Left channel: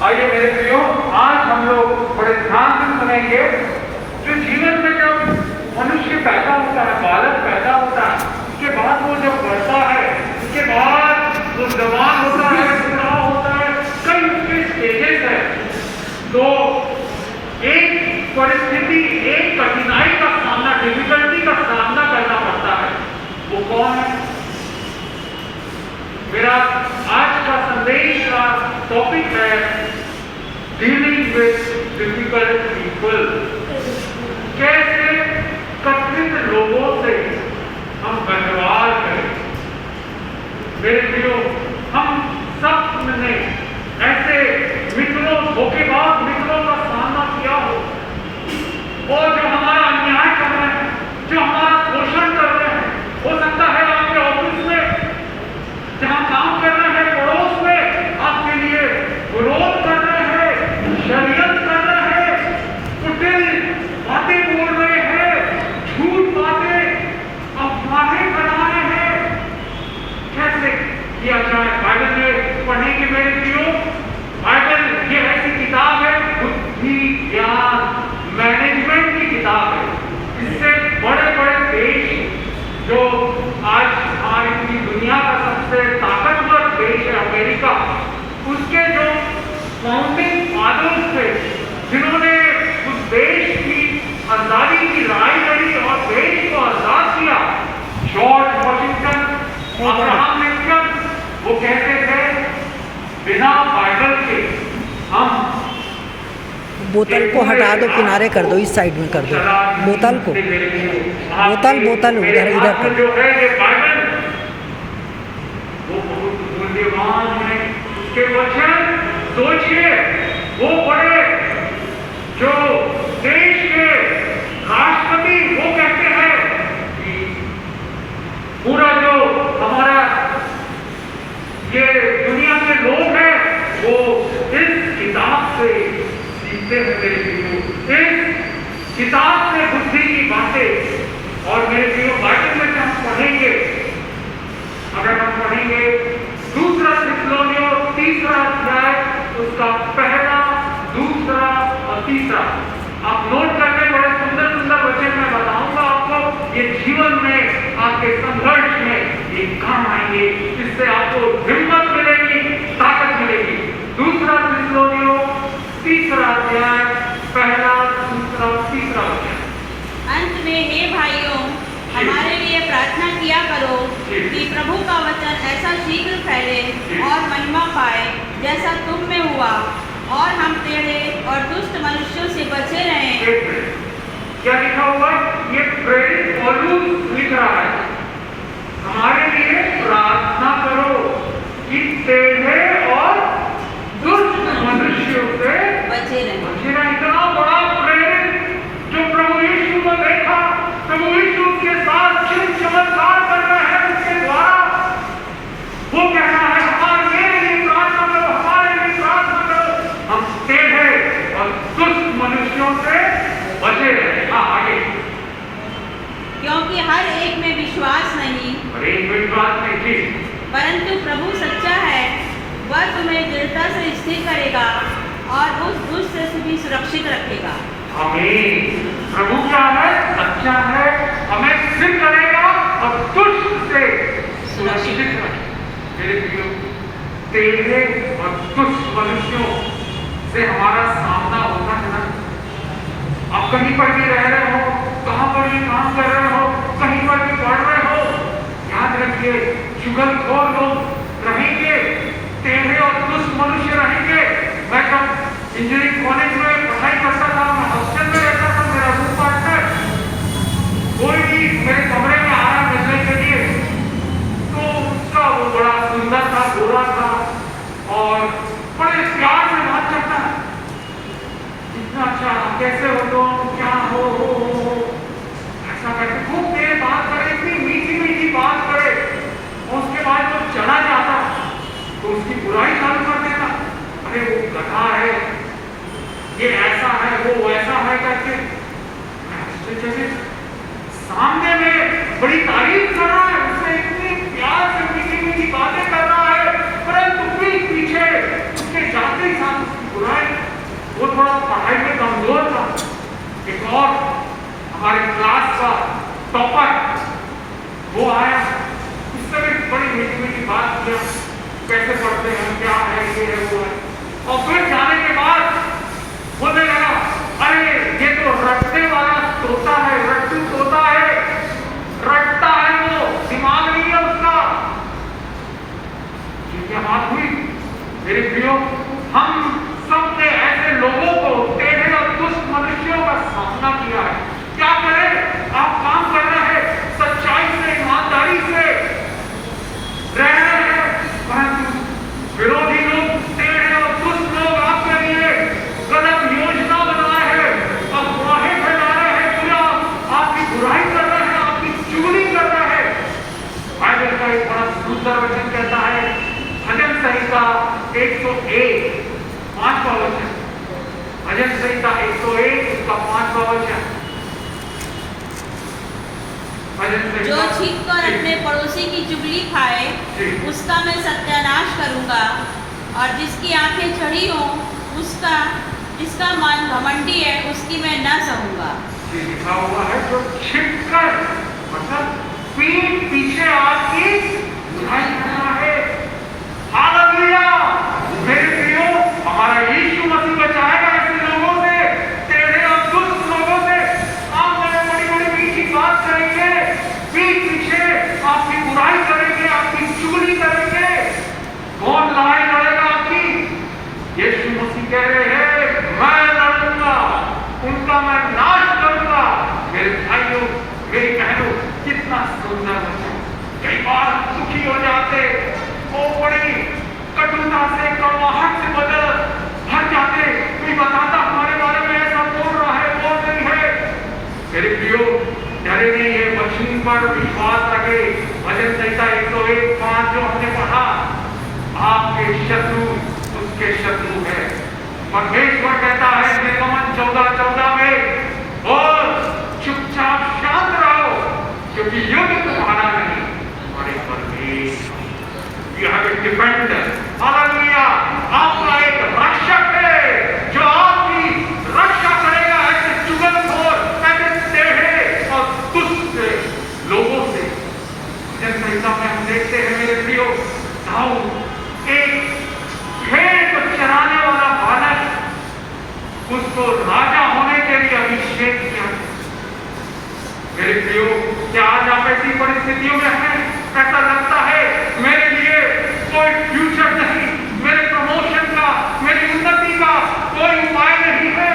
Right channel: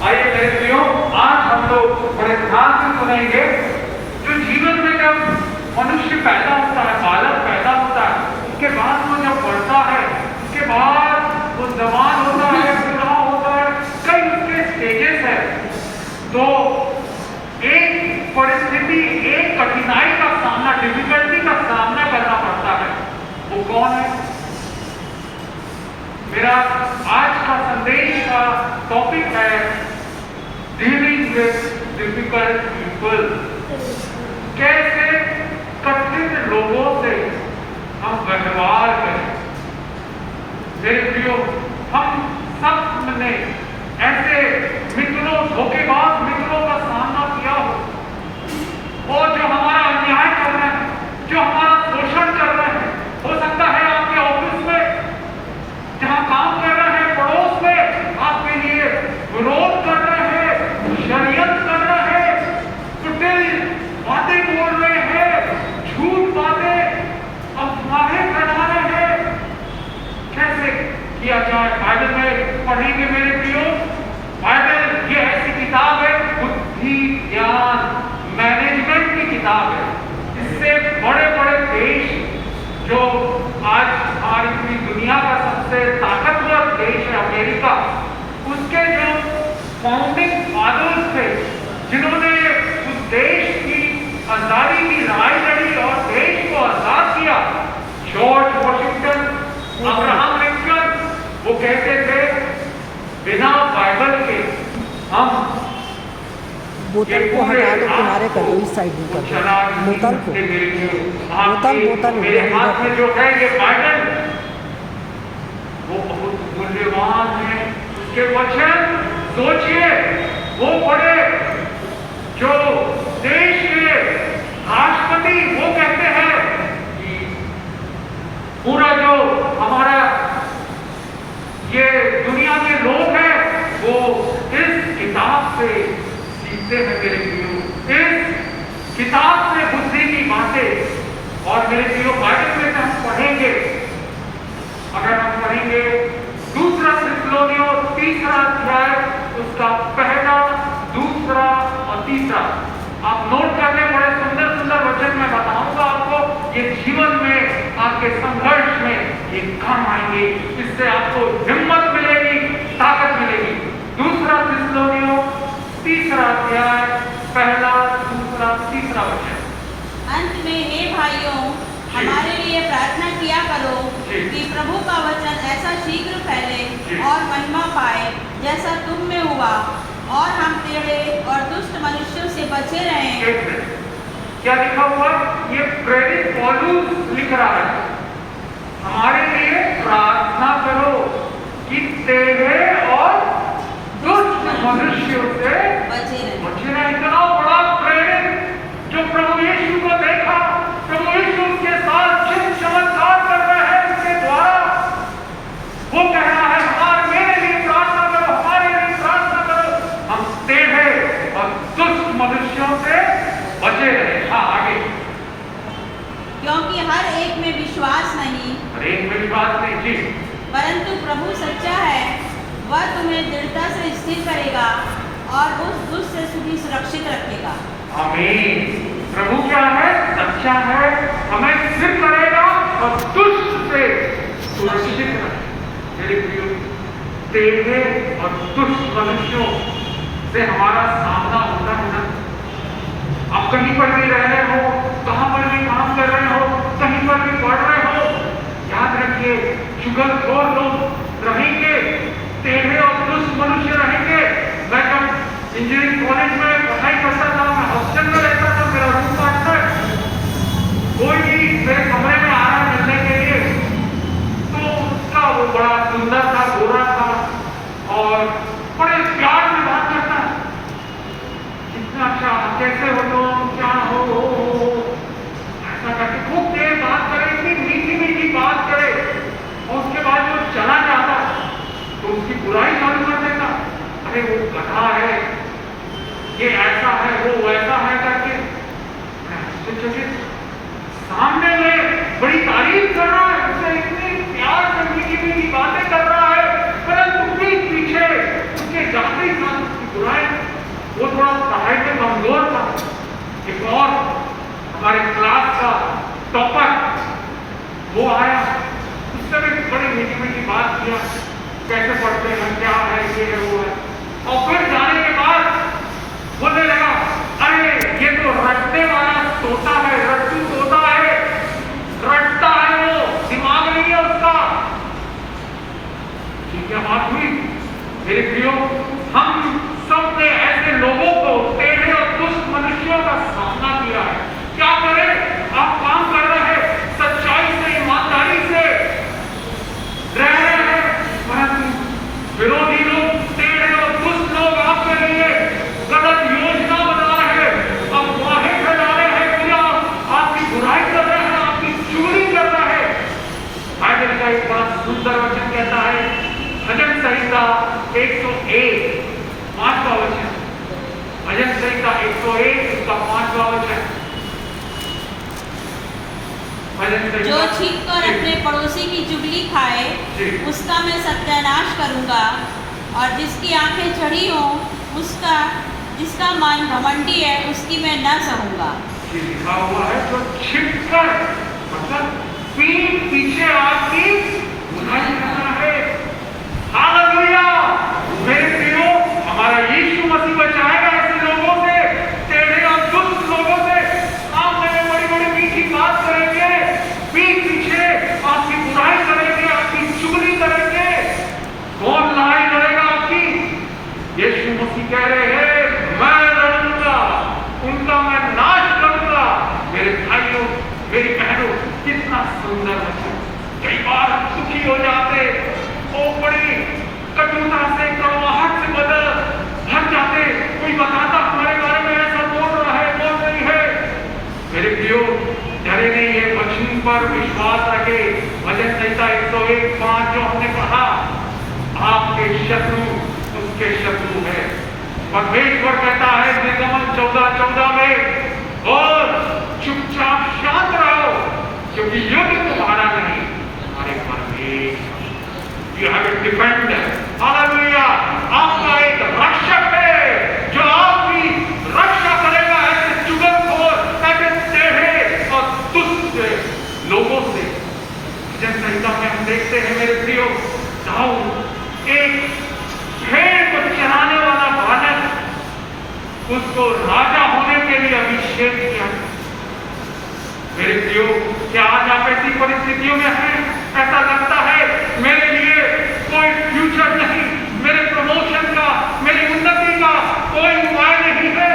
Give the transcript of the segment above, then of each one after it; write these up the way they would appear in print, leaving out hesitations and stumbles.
आइए मेरे प्रियो, आज हम लोग बड़े ध्यान से सुनेंगे। जो जीवन में जब मनुष्य पैदा होता है, बालक पैदा होता है, उसके बाद वो जब बढ़ता है, उसके बाद वो जवान होता है, बूढ़ा होता है, कई उसके स्टेजेस है। तो एक परिस्थिति, एक कठिनाई का सामना, डिफिकल्टी का सामना करना पड़ता है। वो कौन है? मेरा आज का संदेश का टॉपिक है डीलिंग विद डिफिकल्ट पीपल। कैसे कठिन लोगों से हम व्यवहार करें। मेरे प्रियो, हम सब ने ऐसे मित्रों, धोखेबाज मित्रों का सामना किया हो, वो जो हमारा अन्याय कर रहे हैं, जो हमारा शोषण कर रहे हैं। हो सकता है आपके ऑफिस में, जहां काम कर रहे हैं, पड़ोस में आपके लिए विरोध कर रहे हैं, षड्यंत्र कर रहे हैं, कुटिल बातें बोल रहे हैं, झूठ बातें, अफवाहें फैला रहे हैं। कैसे किया जाए? बाइबल में पढ़ेंगे मेरे प्रियो। बाइबल ये ऐसी किताब है, बुद्धि ज्ञान मैनेजमेंट की किताब है। इससे बड़े बड़े देश, जो आज हमारी पूरी दुनिया का सबसे ताकतवर देश है अमेरिका, उसके जो फाउंडिंग फादर्स थे, जिन्होंने उस देश की आजादी की लड़ाई लड़ी और देश को आजाद किया, जॉर्ज वॉशिंगटन, अब्राहम लिंकन, वो कहते थे बिना बाइबल के हम। बोतल को हटा दो, किनारे कर दो, इस साइड में कर दो बोतल को। बोतल उधर कर। जो है ये बाइबल, वो बहुत मूल्यवान है। उसके वचन सोचिए, वो बड़े जो देश के राष्ट्रपति, वो कहते हैं कि पूरा जो हमारा ये दुनिया के लोग हैं, वो इस किताब से सीखते हैं। मेरे प्रियो, इस किताब से बुद्धि की बातें। और मेरे प्रियो, बाइबल में हम पढ़ेंगे, अगर हम पढ़ेंगे दूसरा थिस्सलुनीयों 3 अध्याय, उसका 1, 2 और 3, आप नोट करके, बड़े सुंदर सुंदर वचन मैं बताऊंगा आपको। ये जीवन में, आपके संघर्ष में ये काम आएंगे। इससे आपको हिम्मत मिलेगी, ताकत मिलेगी। दूसरा थिस्सलुनीयों 3 अध्याय 1, 2, 3 वचन। अंत में हे भाइयों, हमारे लिए प्रार्थना किया करो कि प्रभु का वचन ऐसा शीघ्र फैले और महिमा पाए जैसा तुम में हुआ, और हम टेढ़े और दुष्ट मनुष्यों से बचे रहें। क्या लिखा हुआ? ये प्रेरित पौलुस लिख रहा है, हमारे लिए प्रार्थना करो कि टेढ़े और दुष्ट मनुष्यों से बचे रहें। इतना बड़ा प्रेरित, जो प्रभु यीशु को देखा, प्रभु यीशु के साथ जिन चमत्कार कर रहे हैं, उसके द्वारा वो कहना है, हमारे लिए प्रार्थना करो, हमारे लिए प्रार्थना करो, हम टेढ़े और दुष्ट मनुष्यों से बचे रहे। हाँ, आगे। क्योंकि हर एक में विश्वास नहीं, हर एक विश्वास नहीं जी, परंतु प्रभु सच्चा है, वह तुम्हें दृढ़ता से स्थिर करेगा और उस दुष्ट से भी सुरक्षित रखेगा। आमीन। प्रभु क्या है? सच्चा है, हमें स्थिर करेगा और दुष्ट से सुरक्षित रखेगा। मेरे प्रियो, टेढ़े और दुष्ट मनुष्यों से हमारा सामना होता है ना। आप कहीं पर भी रह रहे हो, कहां पर भी काम कर रहे हो, कहीं पर भी पढ़ रहे हो, याद रखिए, चुगलखोर लोग रहेंगे, टेढ़े और दुष्ट मनुष्य रहेंगे। मैं जब इंजीनियरिंग कॉलेज में पढ़ाई करता था, मैं हॉस्टल में रहता था, मेरा रूम पार्टनर कोई भी मेरे कमरे में आ रहा मिलने के लिए, तो उसका वो बड़ा सुंदर था, गोरा था और बड़े प्यार से बात करता, इतना अच्छा, कैसे हो तुम, क्या हो, ऐसा करके खूब देर बात करे, इतनी मीठी मीठी बात करे। उसके बाद वो चला जाता तो उसकी बुराई चालू कर देता, अरे वो गधा है, ये ऐसा है, वो वैसा है करके। सामने में बड़ी तारीफ कर रहा है, उससे इतनी प्यार से मीठी मीठी बातें कर रहा है, परंतु पीछे उसके जाते ही साथ उसकी बड़ी मीठी मीठी बात किया, कैसे पढ़ते हैं, क्या है, ये है, वो है। और फिर जाने के बाद बोलने लगा, अरे ये तो रटने वाला तोता है, रट्टू तोता है, रटता है वो, दिमाग नहीं है उसका। ये क्या बात हुई मेरे प्रियो? हम सब ने ऐसे लोगों को, टेढ़े और दुष्ट मनुष्यों का सामना किया है। क्या करें? आप काम कर रहे हैं, सच्चाई से, ईमानदारी से रह रहे हैं, परंतु विरोधी लोग, टेढ़े और दुष्ट लोग आपके लिए गलत योजना बना रहे हैं, अफवाहें फैला रहे हैं, पूरा आपकी बुराई कर रहे हैं, आपकी चुगली कर रहे हैं। बाइबल का एक बड़ा सुंदर वचन कहता है, भजन संहिता 101 5वां वचन, भजन संहिता 101 उसका 5वां वचन। जो छींक कर अपने पड़ोसी की चुगली खाए, उसका मैं सत्यानाश करूंगा, और जिसकी आंखें चढ़ी हों, उसका जिसका मन घमंडी है, उसकी मैं न सहूंगा। लिखा हुआ है, जो छिप कर, मतलब पीठ पीछे आपकी बुराई करना है। हालेलुया! मेरे प्रियो, हमारा यीशु मसीह बचाएगा ऐसे लोगों से, टेढ़े और दुष्ट लोगों से। आप बड़े बड़ी बड़ी मीठी बात करेंगे, पीठ पीछे आपकी बुराई करेंगे, आपकी चुगली करेंगे, कौन लड़ाई लड़ेगा आपकी? यीशु मसीह कह रहे हैं, मैं लड़ूंगा, उनका मैं नाश करूंगा। मेरे भाइयों, मेरी बहनों, कितना सुंदर वचन। कई बार हम सुखी हो जाते, वो बड़ी कटुता से, कड़वाहट से भर जाते, कोई बताता हमारे बारे में ऐसा बोल रहा है, बोल नहीं है। मेरे प्रियो, डरे नहीं है, वचन पर विश्वास रखे। भजन संहिता 101:5 जो हमने पढ़ा, आपके शत्रु उसके शत्रु है। परमेश्वर कहता है निर्गमन 14:14 में, और चुपचाप शांत रहो, क्योंकि युद्ध तुम्हारा नहीं, हमारे परमेश्वर। You have a defender. Hallelujah! आपका एक रक्षक है, जो आपकी रक्षा करेगा ऐसे चुगलखोर, ऐसे टेढ़े और दुष्ट लोगों से। भजन संहिता में हम देखते हैं मेरे प्रियो, दाऊद एक भेड़ को चराने वाला बालक, उसको राजा होने के लिए अभिषेक किया। मेरे प्रियो, क्या आज आप ऐसी परिस्थितियों में हैं? ऐसा लगता है मेरे लिए कोई फ्यूचर नहीं, मेरे प्रमोशन का, मेरी उन्नति का कोई उपाय नहीं है,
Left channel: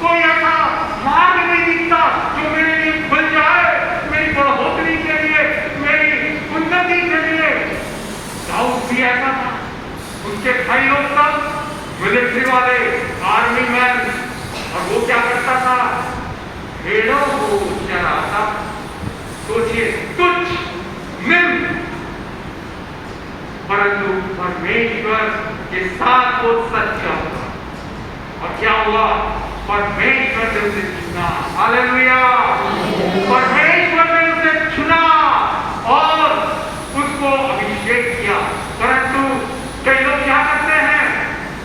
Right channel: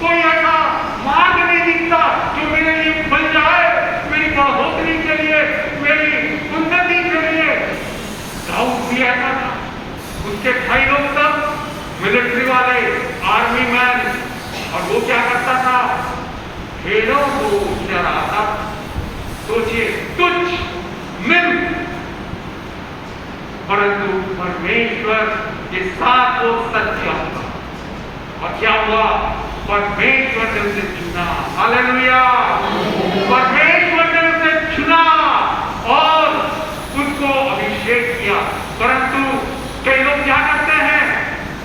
कोई ऐसा मार्ग नहीं दिखता जो मेरे लिए खुल जाए, मेरी बढ़ोतरी के लिए, मेरी उन्नति के लिए। दाऊद भी ऐसा था, उसके भाई लोग सब मिलिट्री वाले, आर्मी मैन, और वो क्या करता था? भेड़ों को चराता। सोचिए, तुच्छ निम्न, परंतु परमेश्वर के साथ वो सच्चा हुआ। और क्या हुआ? परमेश्वर ने उसे चुना। हालेलुया! परमेश्वर ने उसे चुना और उसको अभिषेक किया। परंतु कई लोग क्या करते हैं?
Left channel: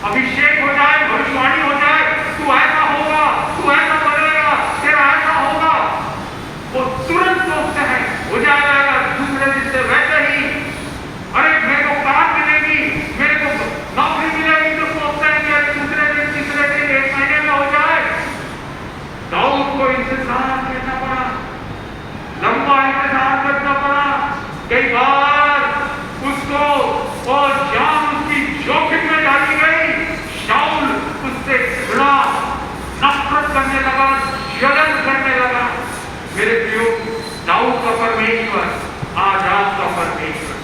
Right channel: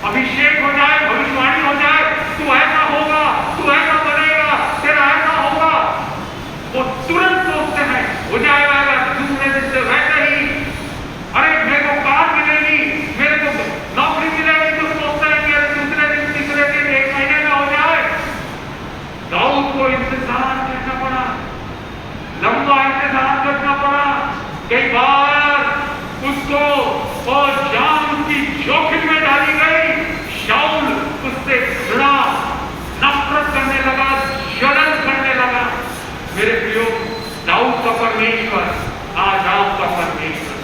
अभिषेक हो जाए, भविष्यवाणी हो जाए, तू ऐसा होगा, तू ऐसा बनेगा, तेरा ऐसा होगा, वो तुरंत सोचते हैं हो जाएगा, दूसरे दिन से वैसे ही, अरे मेरे को कार मिलेगी, मेरे को नौकरी मिलेगी, तो सोचते हैं कि दूसरे दिन, तीसरे दिन, 1 महीने में हो जाए। दाऊद को इंतजार करना पड़ा, लंबा इंतजार करना पड़ा। कई बार उसको और जान की जोखिम में डाली गई। शाऊल उससे घृणा, नफरत करने लगा, जलन करने लगा। मेरे प्रियो, दाऊद का परमेश्वर आज आपका परमेश्वर,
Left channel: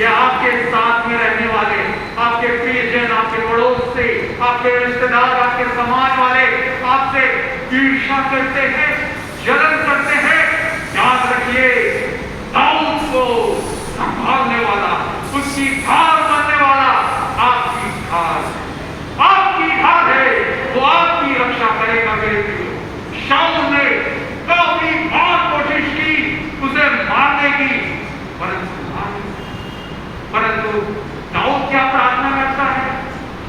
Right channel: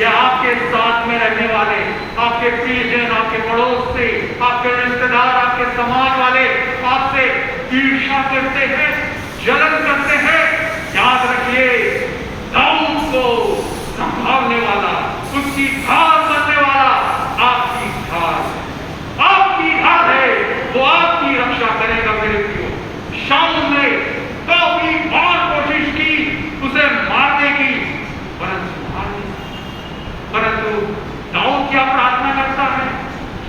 या आपके साथ में रहने वाले, आपके प्रियजन, आपके पड़ोस से, आपके रिश्तेदार, आपके समाज वाले आपसे ईर्ष्या करते हैं, जलन करते हैं, याद रखिए, दाऊद को संभालने वाला, उसकी ढाल बनने वाला आपकी ढाल है, वो आपकी रक्षा करेगा। मेरे प्रियो, शाऊल ने काफी बार कोशिश की उसे मारने की, परंतु दाऊद क्या प्रार्थना करता है?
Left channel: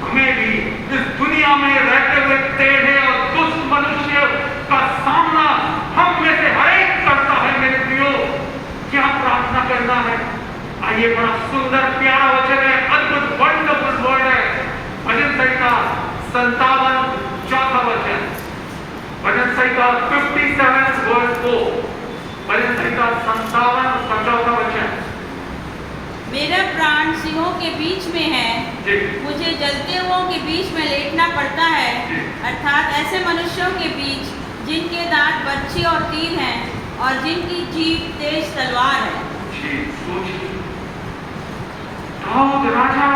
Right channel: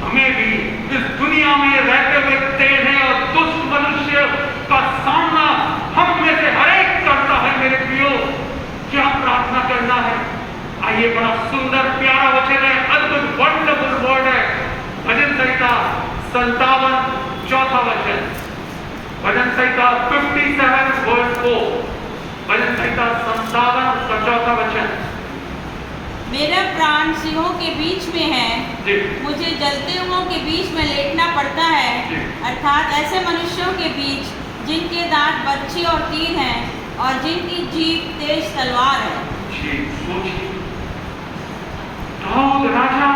हमें भी इस दुनिया में रहते हुए टेढ़े और दुष्ट मनुष्य का सामना हम में से हर एक करता है। मेरे प्रियो, क्या प्रार्थना करना है? और ये बड़ा सुंदर प्यारा वचन है, अद्भुत वंडरफुल वर्ड है। भजन संहिता 57 चौथा वचन, भजन संहिता 57 वर्स 4, भजन संहिता 57 और चौथा वचन। मेरा प्राण सिंहों के बीच में है, मुझे जलते हुओं के बीच में लेटना पड़ता है, अर्थात ऐसे मनुष्यों के बीच जिनके दांत बच्चे और तीर हैं और जिनकी जीभ तेज तलवार है। राजा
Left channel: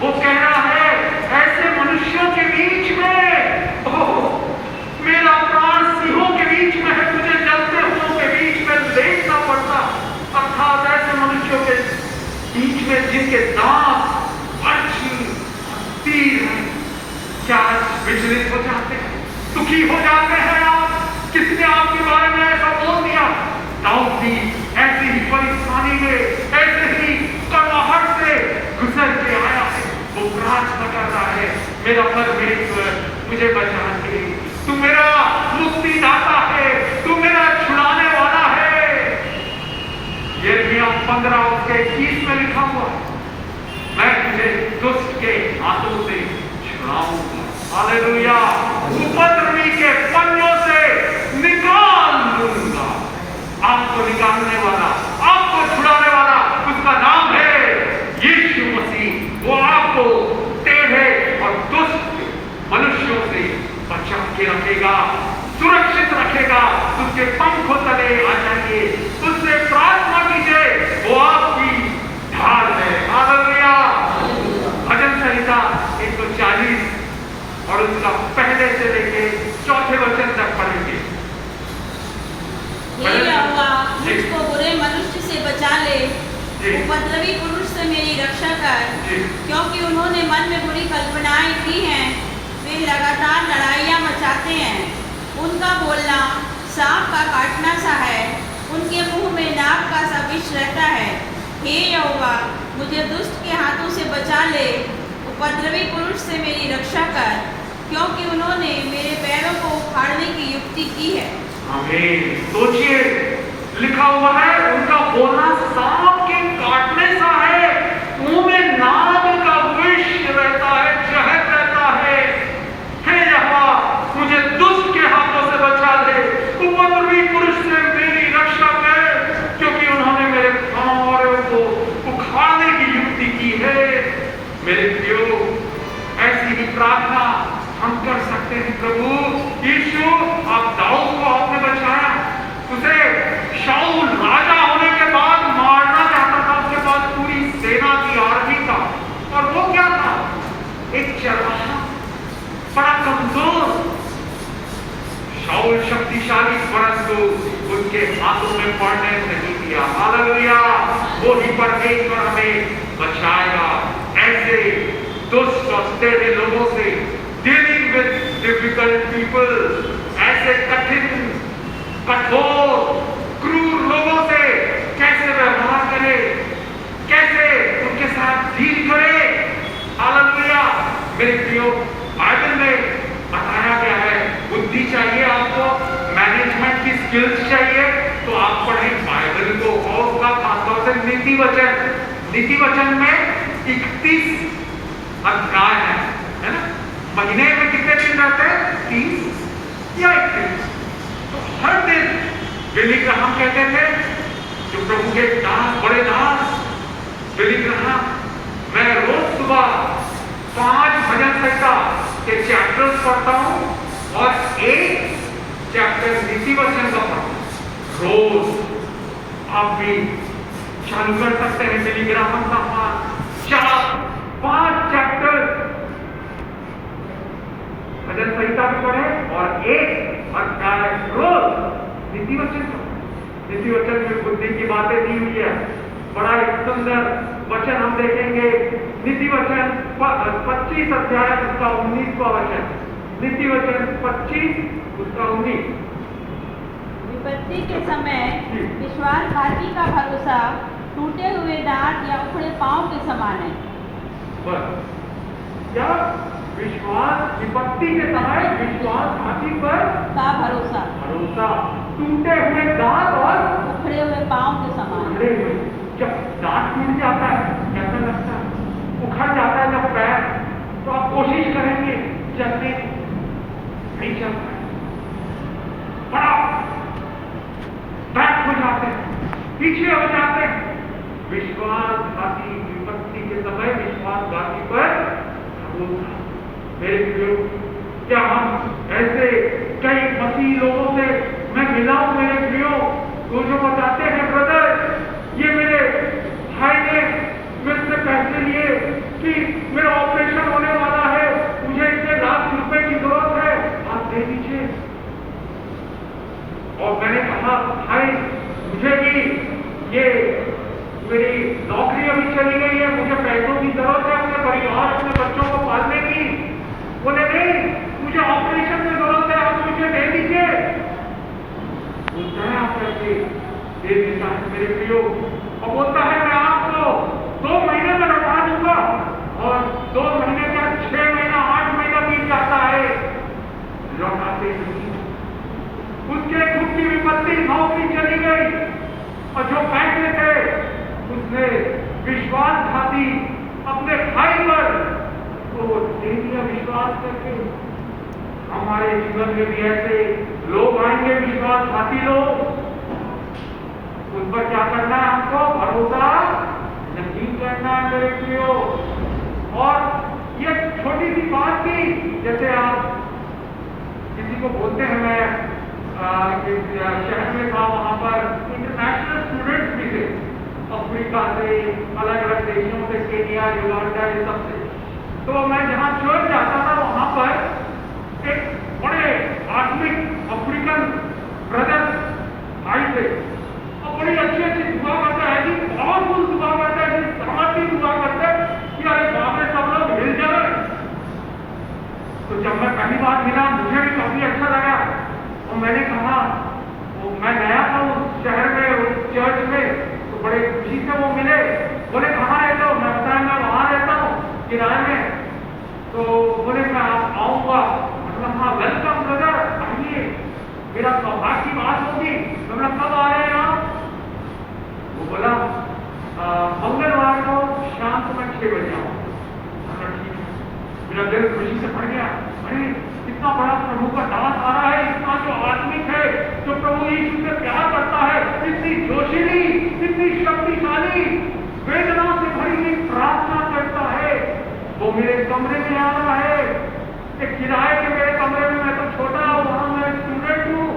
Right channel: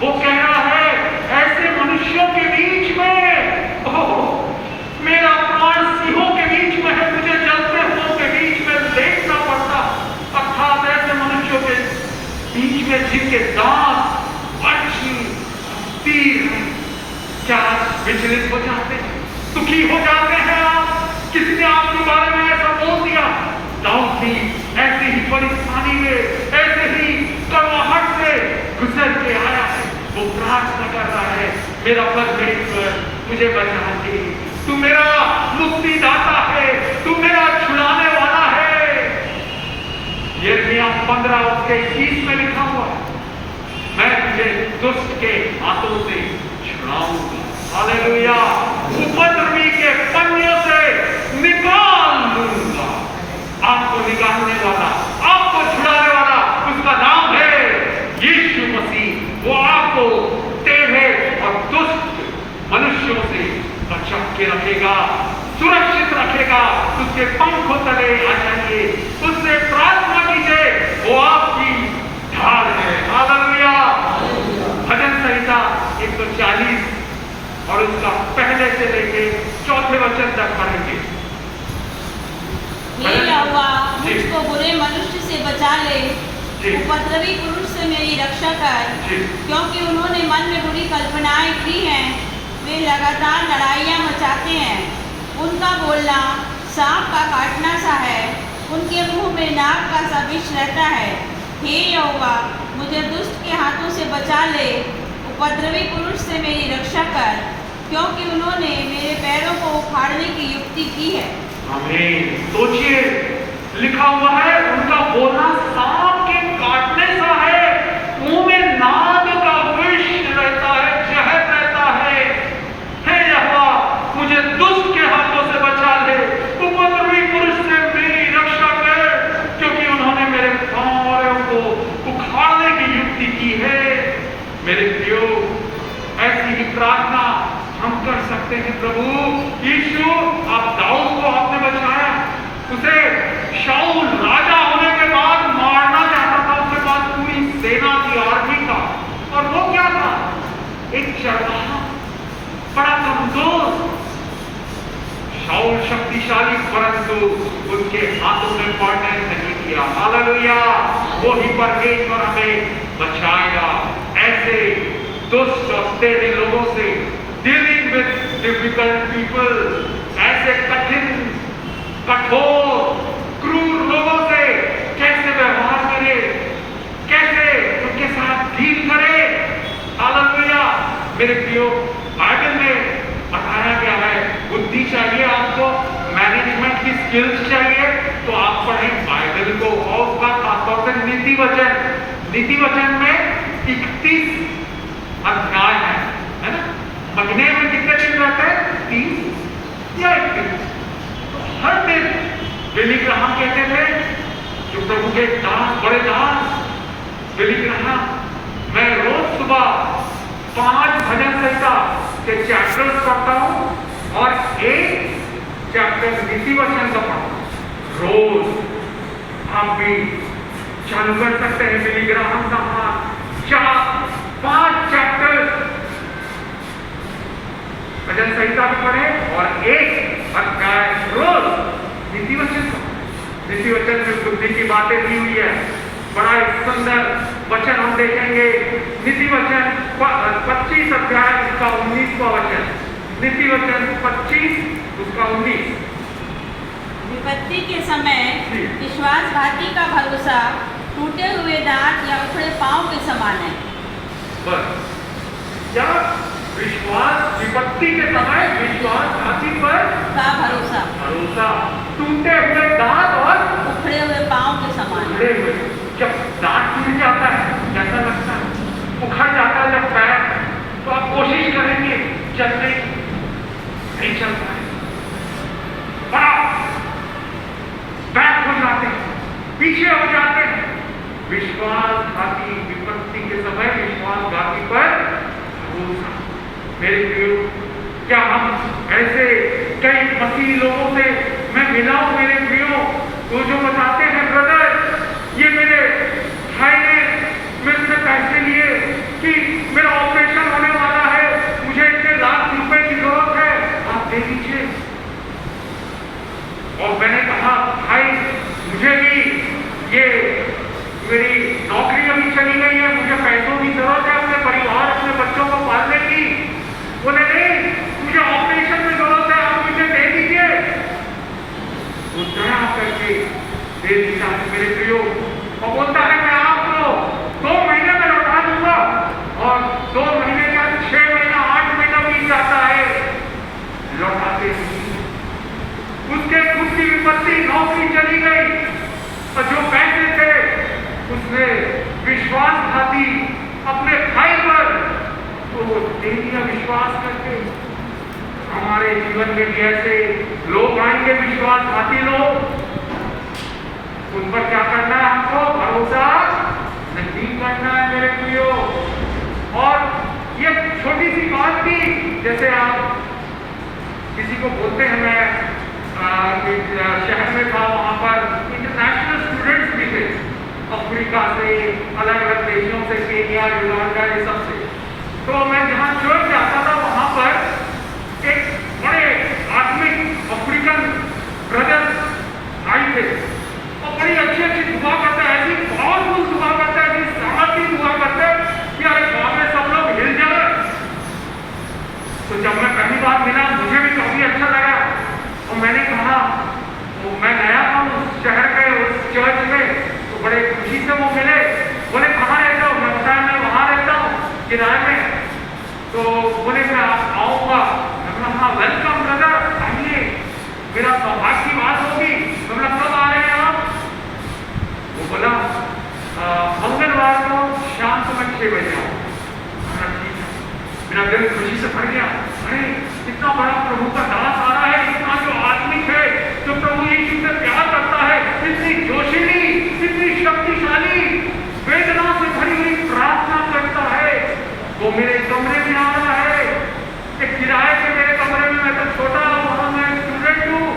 वो कह रहा है ऐसे मनुष्यों के बीच में, मेरा प्राण सिंहों के बीच में है, मुझे जलते हुओं के बीच में लेटना पड़ता, अर्थात ऐसे मनुष्यों के बीच में जिनके दांत बच्चे तीर हैं। क्या विचलित हो जाते हैं, दुखी हो जाते हैं आप? किसने आपके बारे में ऐसा बोल दिया? दाऊद भी ऐसी ही परेशानी में, ऐसे ही कड़वाहट से गुजर के आया है। वो प्रार्थना कर रहा है, मेरा परमेश्वर मुझे बचा के, तू मेरा मुक्तिदाता है, तू मेरा छुड़ाने वाला है। यिर्मयाह 15 उसके 21 में लिखा हुआ, मैं तुझे दुष्ट के हाथों से छुड़ाऊंगा। हालेलुया। उपद्रवी के पन्नों से निकाल लूंगा। आपको निकालने वाला, आपको छुड़ाने वाला, उसका नाम है यीशु मसीह। वो आपको टेढ़े और दुष्ट मनुष्यों से बचा के रखेगा, सुरक्षित रखेगा। उसके पंखों तले आ जाइए, उससे प्रार्थना कीजिए, वो आपकी ढाल है। हालेलुया। भजन संहिता 140 और उसका पहले से लेके चौथे वचन तक पढ़ेंगे। हे यहोवा, मुझको बुरे मनुष्य से बचा ले, उपद्रवी पुरुष से मेरी रक्षा कर, क्योंकि उन्होंने मन में बुरी कल्पनाएं की हैं, वे लगातार लड़ाइयां मचाते हैं। उनका बोलना सांप का काटना सा है, उनके मुंह में नाग का सा विष रहता है। हे यहोवा, मुझे दुष्ट के हाथों से बचा ले, उपद्रवी पुरुष से मेरी रक्षा कर, क्योंकि उन्होंने मेरे पैरों को उखाड़ने की युक्ति की है। आमीन। सोचिए, लिखा हुआ है उनका बोलना सांप के काटने सा है, मुंह में नाग का विष रहता है, जहर रहता है। हे यहोवा, मुझे दुष्ट के हाथों से बचा ले, उपद्रवी पुरुष से मेरी रक्षा कर, क्योंकि उन्होंने मेरे पांवों को उखाड़ने की युक्ति की है। मेरे प्रियो, ऐसी ही प्रार्थना हम कर सकते हैं। प्रभु यीशु, आप दाऊद को आपने बचाया, उसे शाऊल राजा होने के बाद मारना चाहता था, उसके बाद पूरी सेना की आर्मी का, और वो क्या था? एक चरवाहा, बड़ा कमजोर। शाऊल शक्तिशाली, परंतु उनके हाथों में पड़ने नहीं दिया। हालेलुया। वो ही परमेश्वर हमें बचाएगा ऐसे दुष्ट और टेढ़े लोगों से। डीलिंग विद डिफिकल्ट पीपल, ऐसे कठिन, कठोर, क्रूर लोगों से कैसे व्यवहार करे, कैसे उनके साथ डील करे। हालेलुया। मेरे प्रियो, बाइबल में बताया गया है, बुद्धि चाहिए आपको, मैनेजमेंट की स्किल्स चाहिए, तो आप पढ़ें बाइबल को, और उसका खासतौर से नीति वचन। नीति वचन में 31 अध्याय है ना? महीने में कितने दिन रहते हैं? 30 या 31। तो हर दिन बिली ग्राहम कहते थे, जो प्रभु के दास, बड़े दास बिली ग्राहम, मैं रोज सुबह 5 भजन संहिता के चैप्टर्स पढ़ता हूँ और 1 चैप्टर नीति वचन का पढ़ता हूँ रोज। आप भी चालू कर सकते हैं बिली ग्राहम का 4-5 चैप्टर भजन संहिता भी पढ़े और 1 अध्याय रोज नीति वचन का। नीति वचन में बुद्धि की बातें दी हुई है। बड़ा एक सुंदर वचन हम देखेंगे, नीति वचन 25 अध्याय उसका 19वां वचन। नीति वचन 25 उसका 19। विपत्ति के समय विश्वासघाती का भरोसा टूटे हुए दांत या उखड़े पांव के समान है। बस क्या विश्वास, विपत्ति के समय विश्वासघाती पर का भरोसा टूटे हुए दांत और उखड़े हुए पांव के समान है। जब दांत टूट जाता है कैसा लगता है, उखड़ जाता है जब पैर, तो आप कोशिश करेंगे चलने की, नहीं चलता है, बड़ा बैक हो जाते हैं, पीछे हो जाते हैं। विश्वासघाती विपत्ति के समय विश्वासघाती पर भरोसा। मेरे प्रियो, क्या हम ऐसे कई मसीही लोगों से मैं मिला हूं मेरे प्रियो, तो जो बताते हैं ब्रदर ये मेरे भाई ने मेरे से पैसे लिए कि मेरा ऑपरेशन होने वाला है, मुझे इतने लाख रुपए की जरूरत है, आप दे दीजिए। और मैंने कहा भाई मुझे भी ये मेरी नौकरी अभी चली गई है, मुझे पैसों की जरूरत है अपने परिवार अपने बच्चों को पालने की। बोले नहीं मुझे ऑपरेशन में जरूरत है, आप मुझे दे दीजिए। वो दया करके दे दिया मेरे प्रियो, और बोलता है मैं आपको 2 महीने में लौटा दूंगा, और 2 महीने का 6 महीना 8 महीना बीत जाता है, लौटाते नहीं। उसके दुख की विपत्ति, नौकरी चली गई, और जो पैसे थे उसने विश्वासघाती अपने भाई पर तो दे दिया विश्वास करके। हमारे जीवन में भी ऐसे लोग आएंगे, विश्वासघाती लोग, उन पर क्या करना है, हमको भरोसा नहीं करना है मेरे प्रियो। और ये छोटी सी बात थी, जैसे आप किसी को बोलते हैं, मैं शहर में था, वहां पर इंटरनेशनल स्टूडेंट्स भी थे, अफ्रीका से, अलग अलग देशों से, केनिया, युगांडा, ये सब से। तो मैं जहाँ चर्च जाता था वहां पर एक बड़े आत्मिक अफ्रीकन ब्रदर्स आए थे, और बड़ी अच्छी अच्छी दुआ करते हैं, ऐसी पावरफुल दुआ करते हैं, ऐसी सामर्थ्य दुआ करते हैं कि अरे बाप रे सब लोग हिल जाए। तो जब मैं पहली बार मिला मुझे भी काफी अच्छा लगा, और मैंने कहा मैं गया था उस शहर में, उस चर्च में, तो बड़े खुशी से वो मिले। बोले कहाँ रहते हो? मैं बताया मैं वहाँ रहता हूँ किराए में। तो बोले मैं आऊँगा। मैं कहा वेलकम ब्रदर, आइए, मेरा सौभाग्य की बात होगी। मैं कब आ रहे हैं आप? वो बोला मंगलवार को शाम को मैं 6 बजे आऊँ। मेरा दिल खुशी से भर गया, अरे इतना बड़ा प्रभु का दास आ रहा है, इतना जो आत्मिक है, जो प्रभु यीशु से प्यार करता है, इतनी जोशीली, इतनी शक्तिशाली, वेदना से भरी हुई प्रार्थना करता है, वो मेरे कमरे में आ रहा है। एक किराए के मेरे कमरे में, मैं तो छोटा हूँ, वहां मैं स्टूडेंट हूँ।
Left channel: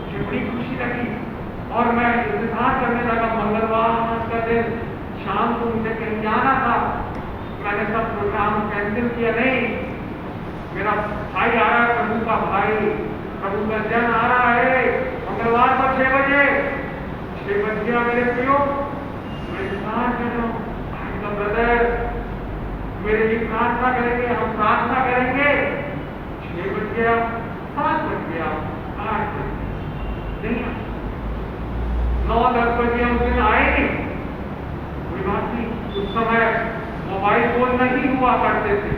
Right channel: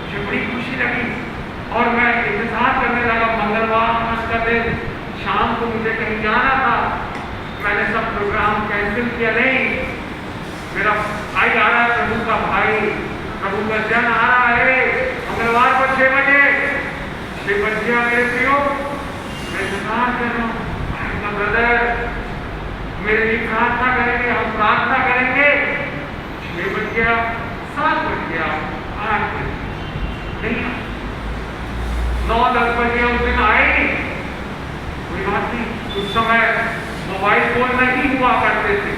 मुझे बड़ी खुशी लगी और मैं इंतजार करने लगा। मंगलवार का दिन शाम को मुझे कहीं जाना था, मैंने सब प्रोग्राम कैंसिल किया। नहीं, मेरा भाई आ रहा है, प्रभु का भाई, प्रभु का जन आ रहा है मंगलवार को 6 बजे। 6 बज गया मेरे प्रियो, मैं इंतजार कर रहा हूँ। ब्रदर मेरे लिए प्रार्थना करेंगे, हम प्रार्थना करेंगे। 6 बज गया, 7 बज गया, 8 बजे नहीं, 9-10 बजे उस दिन आए नहीं। कोई बात नहीं, उस समय मोबाइल फोन नहीं हुआ करते थे,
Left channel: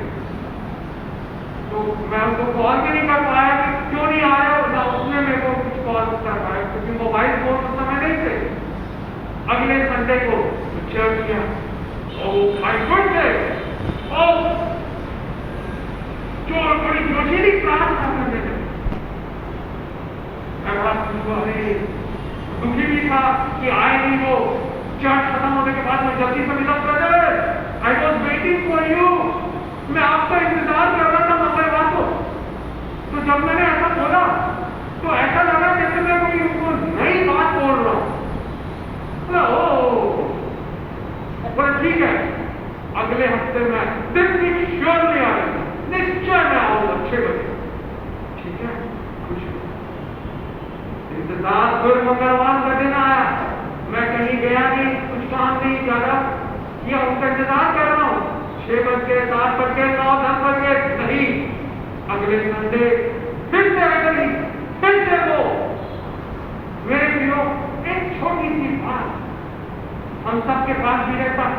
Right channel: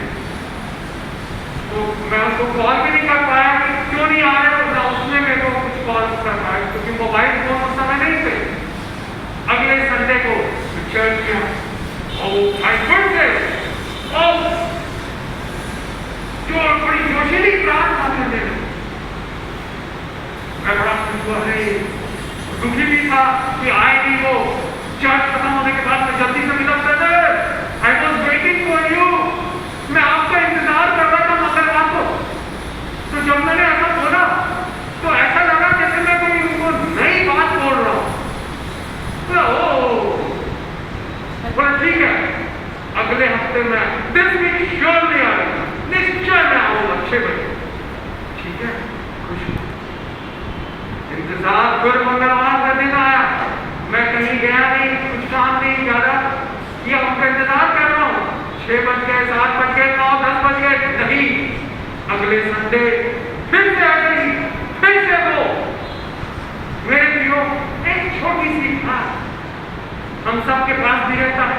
तो मैं उनको कॉल भी नहीं कर पाया कि क्यों नहीं आ रहे, ना उसने मेरे को कुछ कॉल कर पाया, क्योंकि मोबाइल फोन उस समय नहीं थे। अगले संडे को चर्च गया और थे और जो बड़ी जोशीली प्रार्थना करने लगे। मैं बड़ा दुखी भी था कि आए नहीं वो। चर्च खत्म होने के बाद मैं जल्दी से मिला, brother I was waiting for you, मैं आपका इंतजार कर रहा था मंगलवार को। तो जब मैंने ऐसा बोला तो ऐसा लगा जैसे मैं कोई उनको नई बात बोल रहा हूँ। ठीक है, अगले हफ्ते में दिस वीक श्योरली आऊंगा, निश्चय मैं आऊंगा 6 बजे। ठीक है, खुश हूँ। इंतजार फिर मंगलवार का दिन आया, मैं कहीं गया नहीं, कुछ काम नहीं ज्यादा, ये उनका इंतजार कर रहा हूँ। 6 बज गए, 7 बज गए, 9, 10 बज गए, नहीं। अगले संडे फिर से आ गई, फिर से वो। मेरे प्रियो, एक छोटी सी बात हम सबके पास भी रहता है।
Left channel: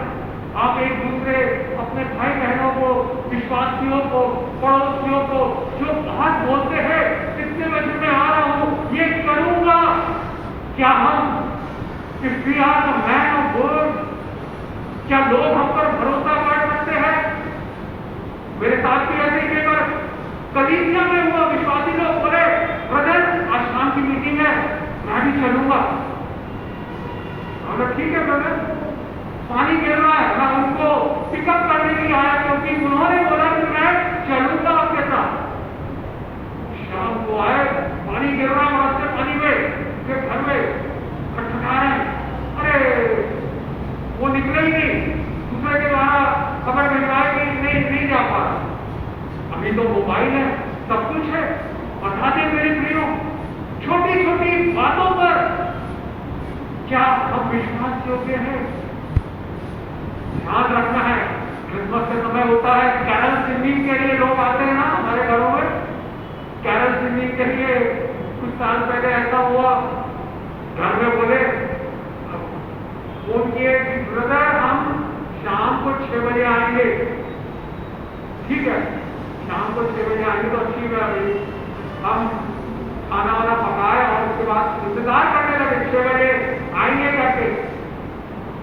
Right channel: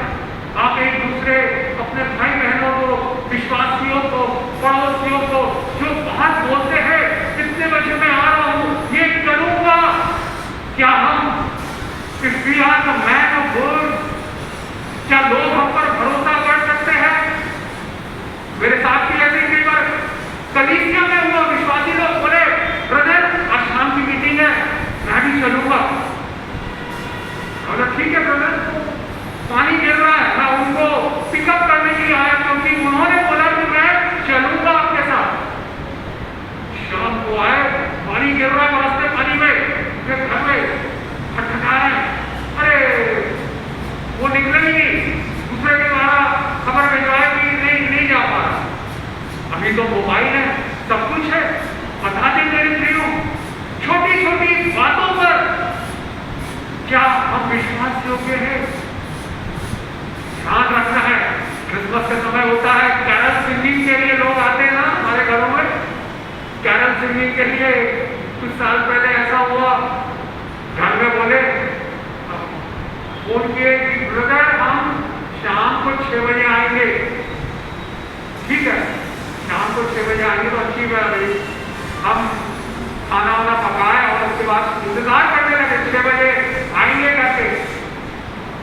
आप एक दूसरे अपने भाई बहनों को, विश्वासियों को, पड़ोसियों को जो बात बोलते हैं, इतने बजे मैं आ रहा हूँ, ये करूंगा, क्या हम कि we are the man of words. क्या लोग हम पर भरोसा कर सकते हैं? मेरे साथ ही ऐसे कई बार कलीसिया में हुआ, विश्वासी लोग बोले ब्रदर आज शाम की मीटिंग है, मैं भी चलूंगा। बोला ठीक है ब्रदर, पानी गिर रहा है, मैं उनको पिकअप करने के लिए आया क्योंकि उन्होंने बोला कि मैं चलूंगा आपके साथ। शाम को आए, पानी गिर रहा है रास्ते, पानी में वे घर में खटखटा रहे हैं। अरे वो निकले ही नहीं, दूसरे के द्वारा खबर भिजवाए कि नहीं जा पा रहा। अभी तो मोबाइल है, सब कुछ है, बता दें मेरे प्रियो, छोटी छोटी बातों पर क्या हम विश्वास योग्य है? ध्यान रखना है। क्रिसमस का समय होता है, कैरल सिंगिंग के लिए लोग आते हैं ना हमारे घरों में। कैरल सिंगिंग के लिए कुछ साल पहले ऐसा हुआ, घर में बोले ब्रदर हम शाम को 6 बजे आएंगे। ठीक है, शाम को 6 बजे आएंगे तो अच्छी बात है। हम खाना वाना पकाए और उसके बाद इंतजार करने लगे, 6 बजे आएंगे करके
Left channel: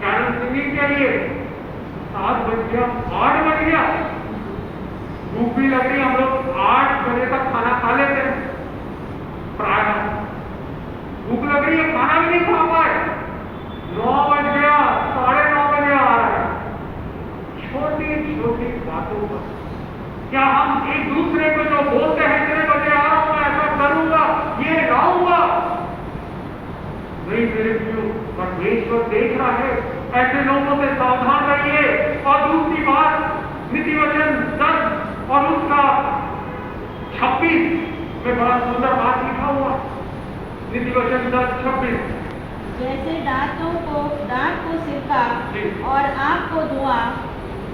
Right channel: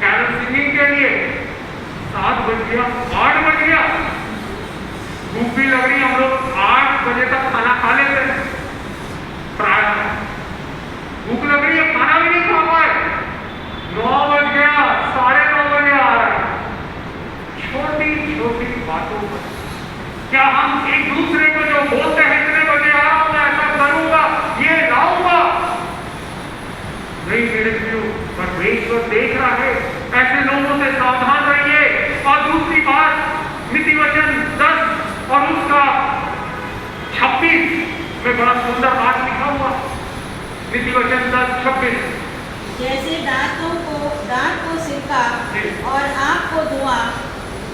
कैरल सिंगिंग के लिए। 7 बज गया, 8 बज गया, भूख भी लग रही, हम लोग 8 बजे तक खाना खा लेते हैं प्राय। भूख लग रही है, खाना भी नहीं खा पाए, 9 बज गया, 9:30 बजे आ रहा है। छोटी छोटी बातों पर क्या हम एक दूसरे को जो बोलते हैं इतने बजे आ रहा हूं, ऐसा करूंगा, ये लाऊंगा, नहीं मेरे प्रियो, परमेश्वर देख रहा है। ऐसे लोगों से सावधान रहिए। और दूसरी बात, नीति वचन 10 और उसका 26 में बड़ा सुंदर बात लिखा हुआ। नीति वचन 10:26, जैसे दांत को सिरका और आँख को धुआं,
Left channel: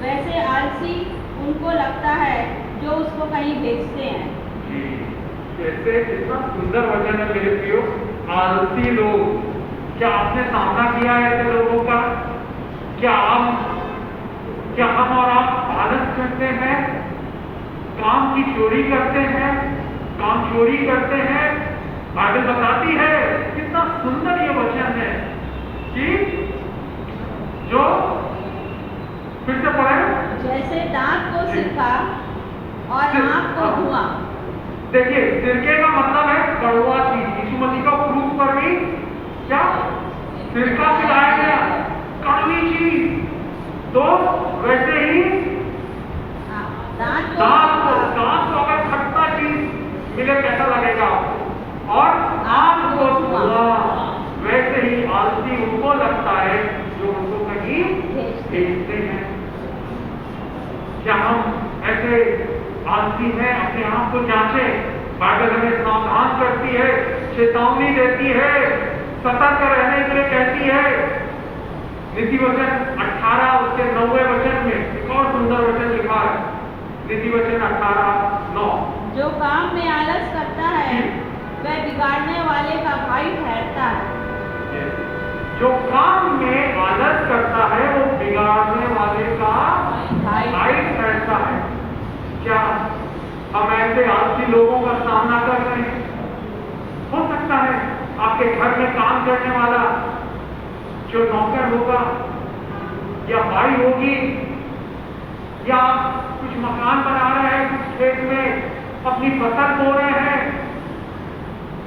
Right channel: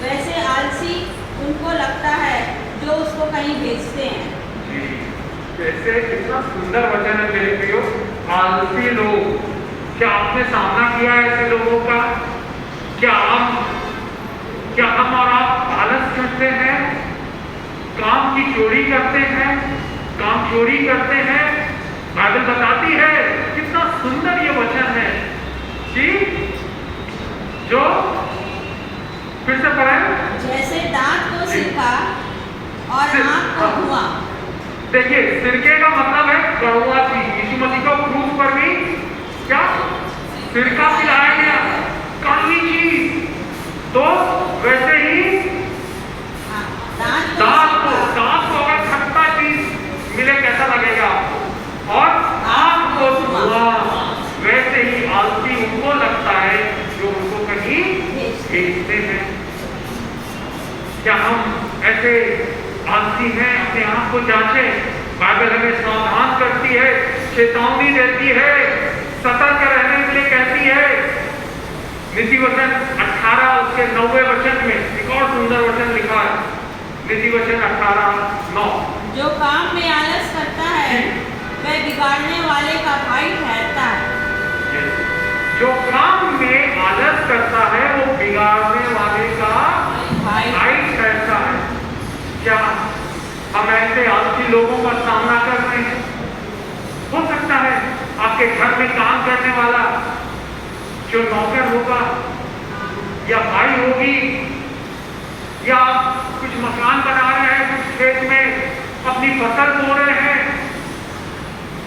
वैसे आलसी उनको लगता है जो उसको कहीं भेजते हैं। जी, जैसे कितना सुंदर वचन है मेरे प्रियो। आलसी लोग, क्या आपने सामना किया है ऐसे लोगों का? क्या हम और आप आलस करते हैं, काम की चोरी करते हैं, काम चोरी करते हैं? बाइबल बताती है, कितना सुंदर ये वचन है कि जो फिर से पढ़े, जैसे दांत को सिरका और आँख को धुआं। देखिए, सिरके का मतलब है कड़वा चीज। यीशु मसीह का क्रूस पर भी क्या सिरका पिलाया गया, कड़वी चीज। तो वैसे ही दांत को अगर खट्टा चीज मिले कैसा लगेगा आपको? और आँख को धुआं, वैसे ही आलसी उनको लगता है जो उनको कहीं भेजते हैं। क्या हम ऐसे आलसी हैं? अपने आप को जांचें। बाइबल हमें सावधान करती है, चेतावनी देती है, सतर्क रहने के लिए कहती है। नीति वचन 18 उसके 9वें वचन में एक और सुंदर वचन लिखा है। नीति वचन 18:9, जो काम में आलस करता है वह बिगाड़ने वाले का भाई ठहरता है। जो काम में आलस करता है वो बिगाड़ने वाले का भाई ठहरता है। क्या हम ऐसे आलसी लोगों का सामना कर रहे हैं? हो सकता है आपके घर में काम करने वाला जो नौकर होगा या भाई होगी, या कुछ मकान बना रहे हैं, कुछ खेत में अपनी फसल बो रहे हैं,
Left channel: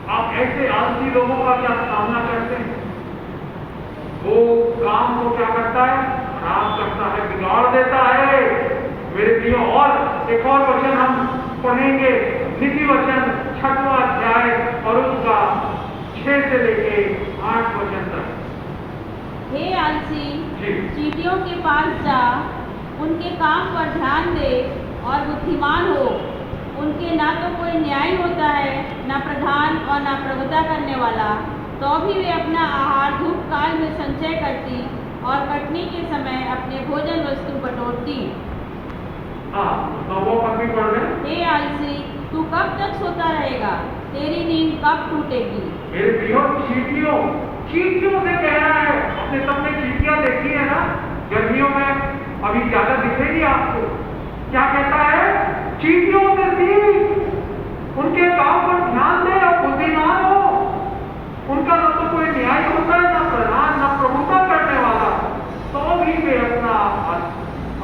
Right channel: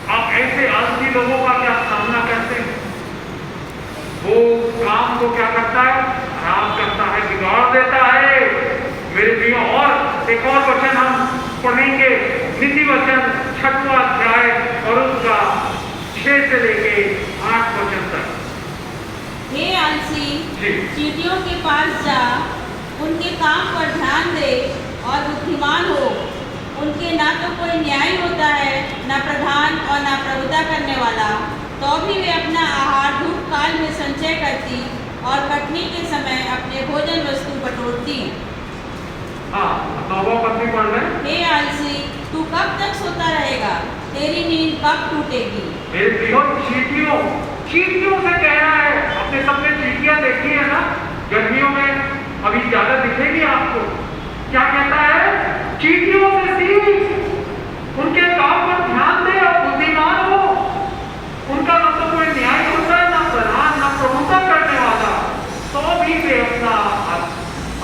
आप ऐसे आलसी लोगों का क्या सामना करते हैं? वो काम को क्या करता है? खराब करता है, बिगाड़ देता है मेरे प्रियो। और एक और वचन हम पढ़ेंगे, नीति वचन 6वां अध्याय और उसका 6 से लेके 8 वचन तक। हे आलसी, चींटियों के पास जा, उनके काम पर ध्यान दे और बुद्धिमान हो। उनके ना तो कोई न्याय होता है, ना प्रधान और ना प्रभुता करने वाला, तो भी वे अपना आहार धूप काल में संचय करती और कटनी के समय अपने भोजन वस्तु बटोरती। हे आलसी, तू कब तक सोता रहेगा? तेरी नींद कब टूटेगी? मेरे प्रियो, चींटियों से कहना है। अपने सबने चींटियां देखी है ना गर्मियों में, अभी ज्यादा दिखेगी आपको। क्या कहता है? चींटियों से सीख, उनके काम पर ध्यान दे और बुद्धिमान हो। उनका ना तो कोई न्याय होता है, ना प्रधान, ना उसी में अपना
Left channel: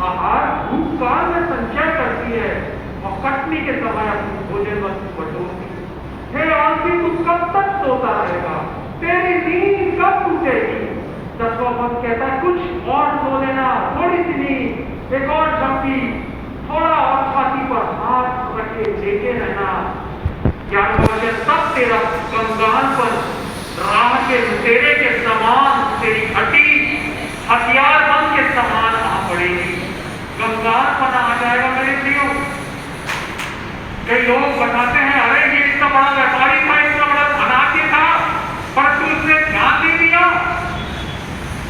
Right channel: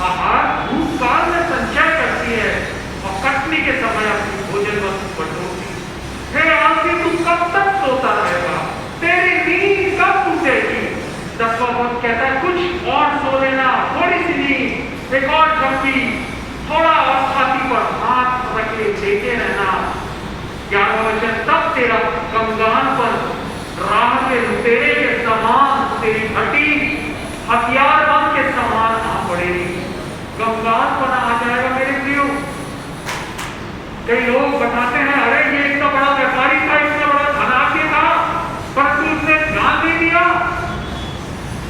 आहार भूतकाल में संचय करती है और कटनी के समय अपनी भोजन वस्तु बटोरती है। हे आलसी, तू कब तक सोता रहेगा? तेरी नींद कब टूटेगी? 10वां पद कहता है कुछ और सो लेना, थोड़ी सी नींद, एक और झपकी, थोड़ा और छाती पर हाथ रख के लेटे रहना। 11वां वचन, तब तेरा गंगान पर राह के लुटेरे के समान तेरी हड्डी हथियारबंद के समान आ पड़ेगी। गंगान पर आ जाएगा मेरे प्रियो। कई लोग बताते हैं अरे ये इतना बड़ा व्यापारी था, इतना बड़ा धनाढ्य था, परंतु उसने ध्यान दे दिया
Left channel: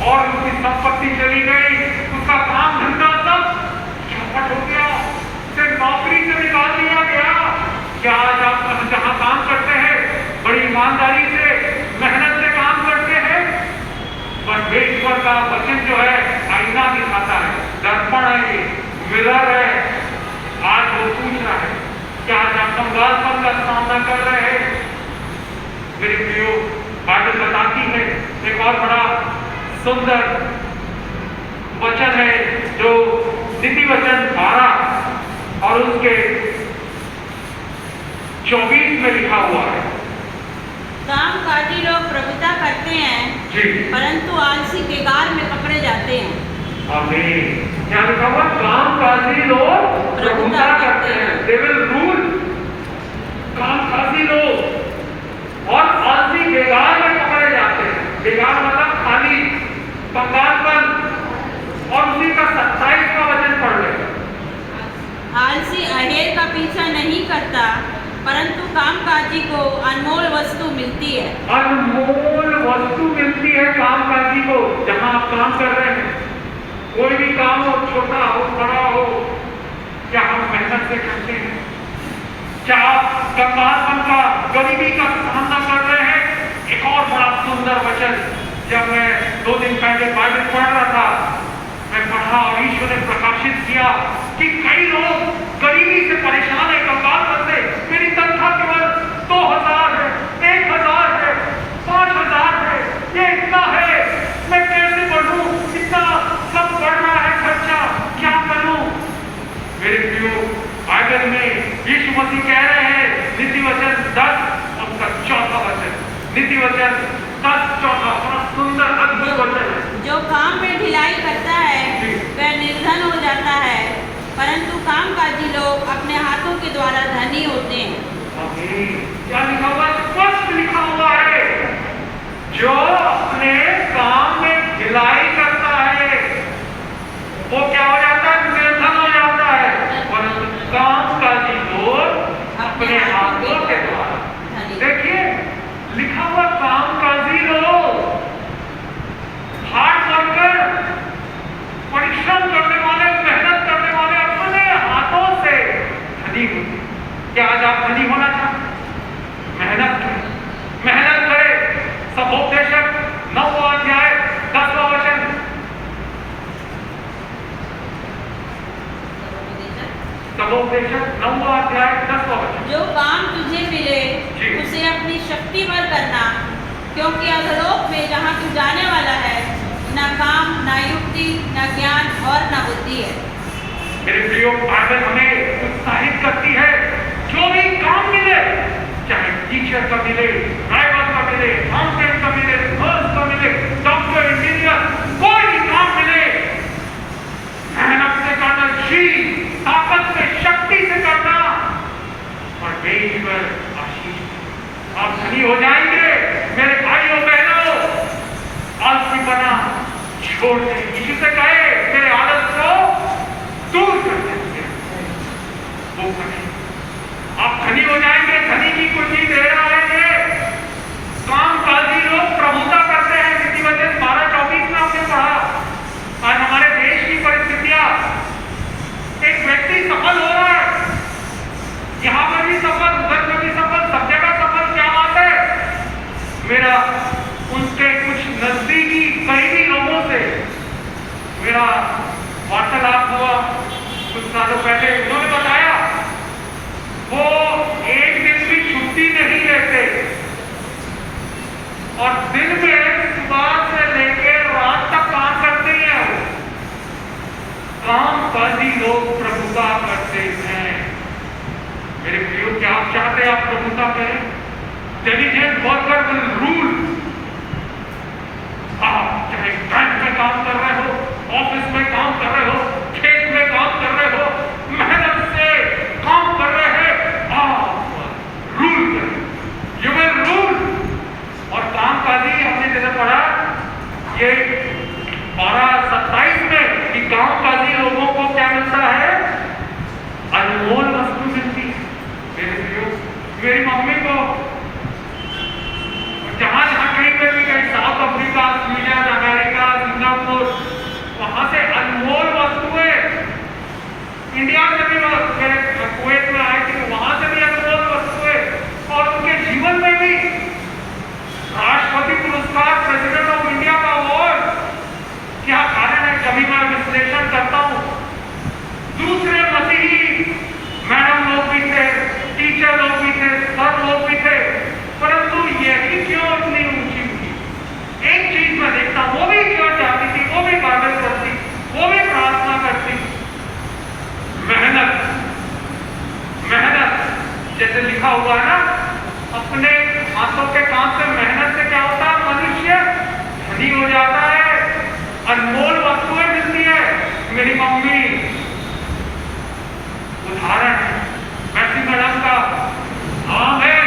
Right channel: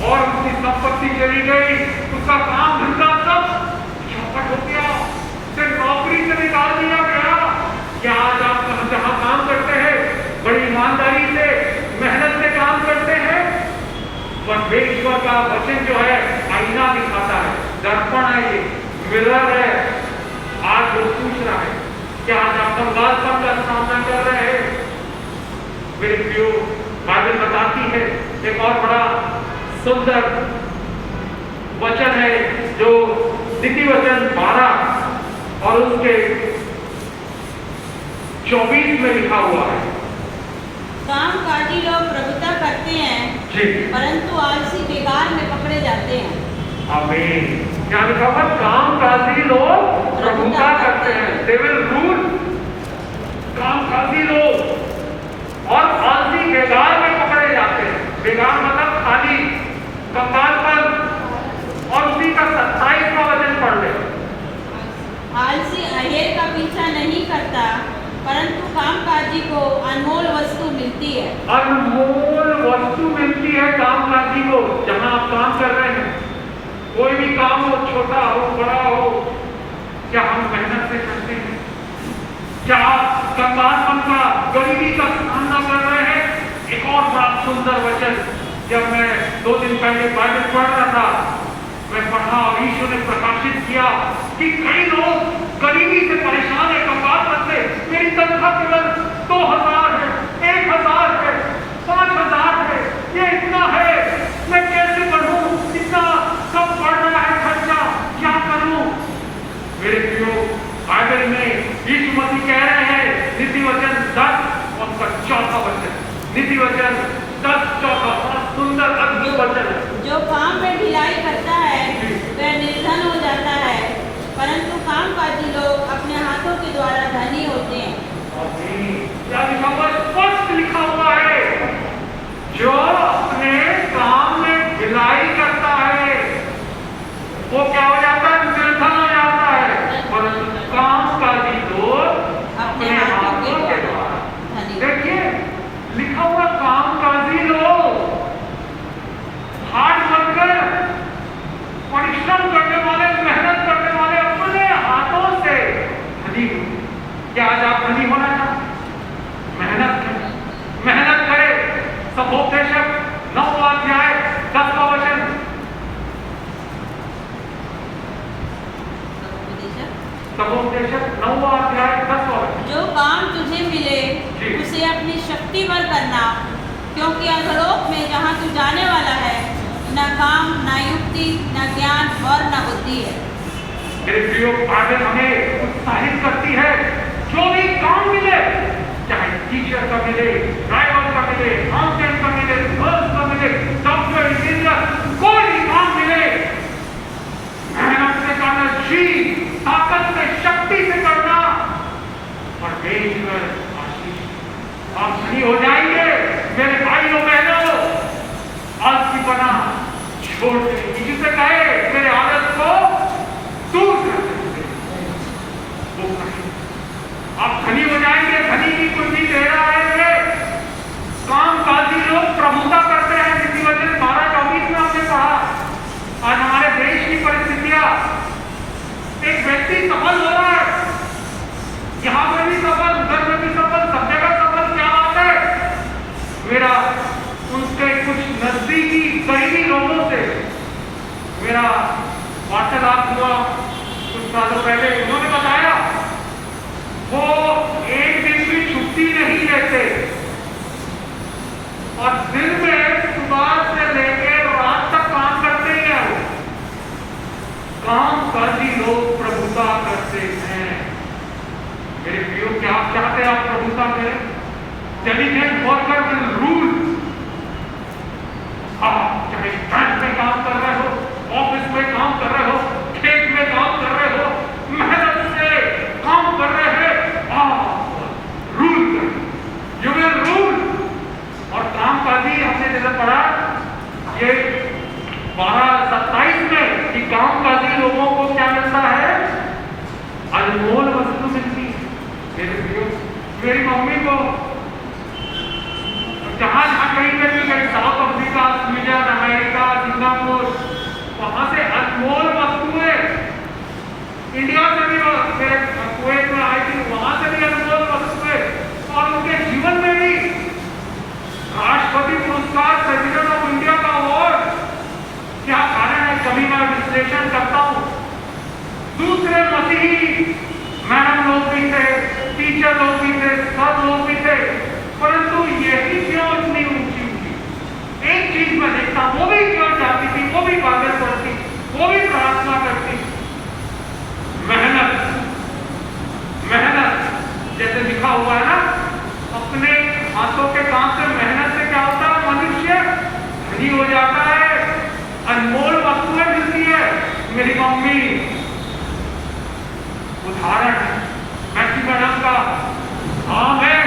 और उसकी संपत्ति चली गई, उसका काम धंधा सब चौपट हो गया, सिर्फ नौकरी से निकाल दिया गया। क्या आज आप जहां काम करते हैं बड़ी ईमानदारी से मेहनत से काम करते हैं? परमेश्वर का वचन जो है आईना दिखाता है, दर्पण है, ये मिरर है। आज वो पूछ रहा है क्या आज आप कंगालपन का सामना कर रहे हैं? मेरे प्रियो, बाइबल बताती है एक और बड़ा सुंदर वचन है जो नीति वचन 12 और उसके 24 में लिखा हुआ है। कामकाजी लोग प्रभुता करते हैं जी, परंतु आलसी बेगार में पकड़े जाते हैं। आमीन। क्या लिखा हुआ? कामकाजी लोग प्रभुता करते हैं, दे विल रूल। कामकाजी लोग और आलसी बेगार में पकड़े जाते हैं। बेगार मतलब खाली, कंगालपन। और उसी का 27वां वचन पढ़ ले। आलसी अहेर का पीछा नहीं करता परंतु कामकाजी को अनमोल वस्तु मिलती है। अनमोल वस्तु मिलती है कामकाजी को। जहां आप काम कर रहे हैं, कोई भी काम हो, छोटा हो बड़ा हो, क्या हम मेहनत से करते हैं? क्या आप कंगालपन का, गरीबी का सामना कर रहे हैं? एक और बड़ा सुंदर वचन, जब मैं 2 दिन पहले बाइबल पढ़ रहा था, मैं पढ़ा और ईश्वर ने प्रकाशित किया कि कई लोग गरीबी से परेशान है, कंगालपन से। मेरी तनख्वाह केवल 2000 है, 1000 है, 5000 है, ये इतना है, मैं कैसे बढ़ूं? इतना सब बढ़ रहा है खर्चा, क्या करूं? मेरे प्रियो, बाइबल में यीशु मसीह कह रहे हैं, नीति वचन 10 और उसका 4वां वचन, नीति वचन 10, 4, बड़ा सुंदर अद्भुत वचन है। जो काम में ढिलाई करता है वह निर्धन हो जाता है, परंतु कामकाजी लोग अपने हाथों के द्वारा धनी होते हैं। क्या लिखा हुआ? स्पष्ट लिखा हुआ है, जो अपने काम में ढिलाई करता है वो क्या हो जाता है? निर्धन हो जाता है, परंतु कामकाजी लोग अपने हाथों के द्वारा। देखिए लिखा हुआ, कामकाजी लोग, हार्ड वर्कर, परिश्रम करने वाले, मेहनत करने वाले, अपने हाथों से धनी होते। क्या आज आप धनी होना चाहते? मेहनत करें। सभोपदेशक 9वां अध्याय 10वां वचन। सभोपदेशक 9वां अध्याय 10वां वचन। जो काम तुझे मिले उसे अपनी शक्ति पर करना, क्योंकि अधोलोक में जहाँ तू जाने वाला है न काम, न युक्ति, न ज्ञान और न बुद्धि है। मेरे प्रियो, बाइबल हमें उत्साहित करती है, जो भी काम मिले, चाहे टीचर का मिले, ड्राइवर का मिले, अकाउंटेंट का मिले, नर्स का मिले, डॉक्टर, इंजीनियर, कोई भी काम मिले, मेहनत से करना, जी ताकत से, शक्ति से करना, परमेश्वर आशीष, आप धनी हो जाएंगे। मेरे भाइयों बहनों, आलसीपना छोड़ दें। यीशु से कहे मेरे आदत को दूर कर देंगे, वो करें, आप धनी हो जाएंगे। धनी की कुंजी दे रहा है। कामकाजी लोग प्रभुता करते हैं। नीति वचन 12-24 में हमने पढ़ा। आज हमारे देश की परिस्थितियां, एक व्यक्ति सफल हो रहा है, यहाँ पर भी सफल, उधर में भी सफल, सब जगह सफल। क्या बात है? मेरा उनके कुछ नजदीकी करीबी लोगों से मेरा वार्तालाप हुआ कुछ सालों पहले। उन्होंने बताया वो एक दिन भी छुट्टी नहीं लेते और दिन में सुबह से लेकर रात तक काम करते ही हैं। चाहते हैं आप प्रभुता करें? Intelligent worker will rule. आप चाहे बैंक में काम कर रहे हो, ऑफिस में काम कर रहे हो, खेत में काम कर रहे हो, मेहनत से काम कर रहे हैं, आप रूल करें, यू विल रूल। और कामकाजी हमने जैसा पढ़ा ये 12:27 में कि कामकाजी लोगों को क्या मिलता है? अनमोल वस्तु मिलती है। मेरे प्रियो, मेरी मम्मी को जहां जहां कहीं पे भी गए, south Africa, Sweden, America, Singapore, वहां से अनमोल वस्तुएं, इंडिया से भी मेरे कुवैत में आई थी, वहां से भी अनमोल वस्तुएं, और उनके जीवन में भी राष्ट्रपति पुरस्कार, प्रेसिडेंट ऑफ इंडिया का अवार्ड। क्या कारण है? कभी मैं विश्लेषण करता हूं, दूसरे मसीही मैडम लोग भी थे, टीचर लोग भी थे, सर लोग भी थे, परंतु यही क्यों इतनी ऊंची हुई? एक चीज मैं देखता, वो भी क्यों चाहती थी, वो भी गार्डन करती, वो भी प्रार्थना करती, मेहनत। मेहनत जैसे लिखा हुआ है ना, अपने हाथों के काम से, मेहनत से क्या होता है? मनुष्य धनी हो जाता है, अनमोल वस्तुएं मिलती है। मेरी मम्मी उदाहरण है मैसी मैडम का। हाँ, मैं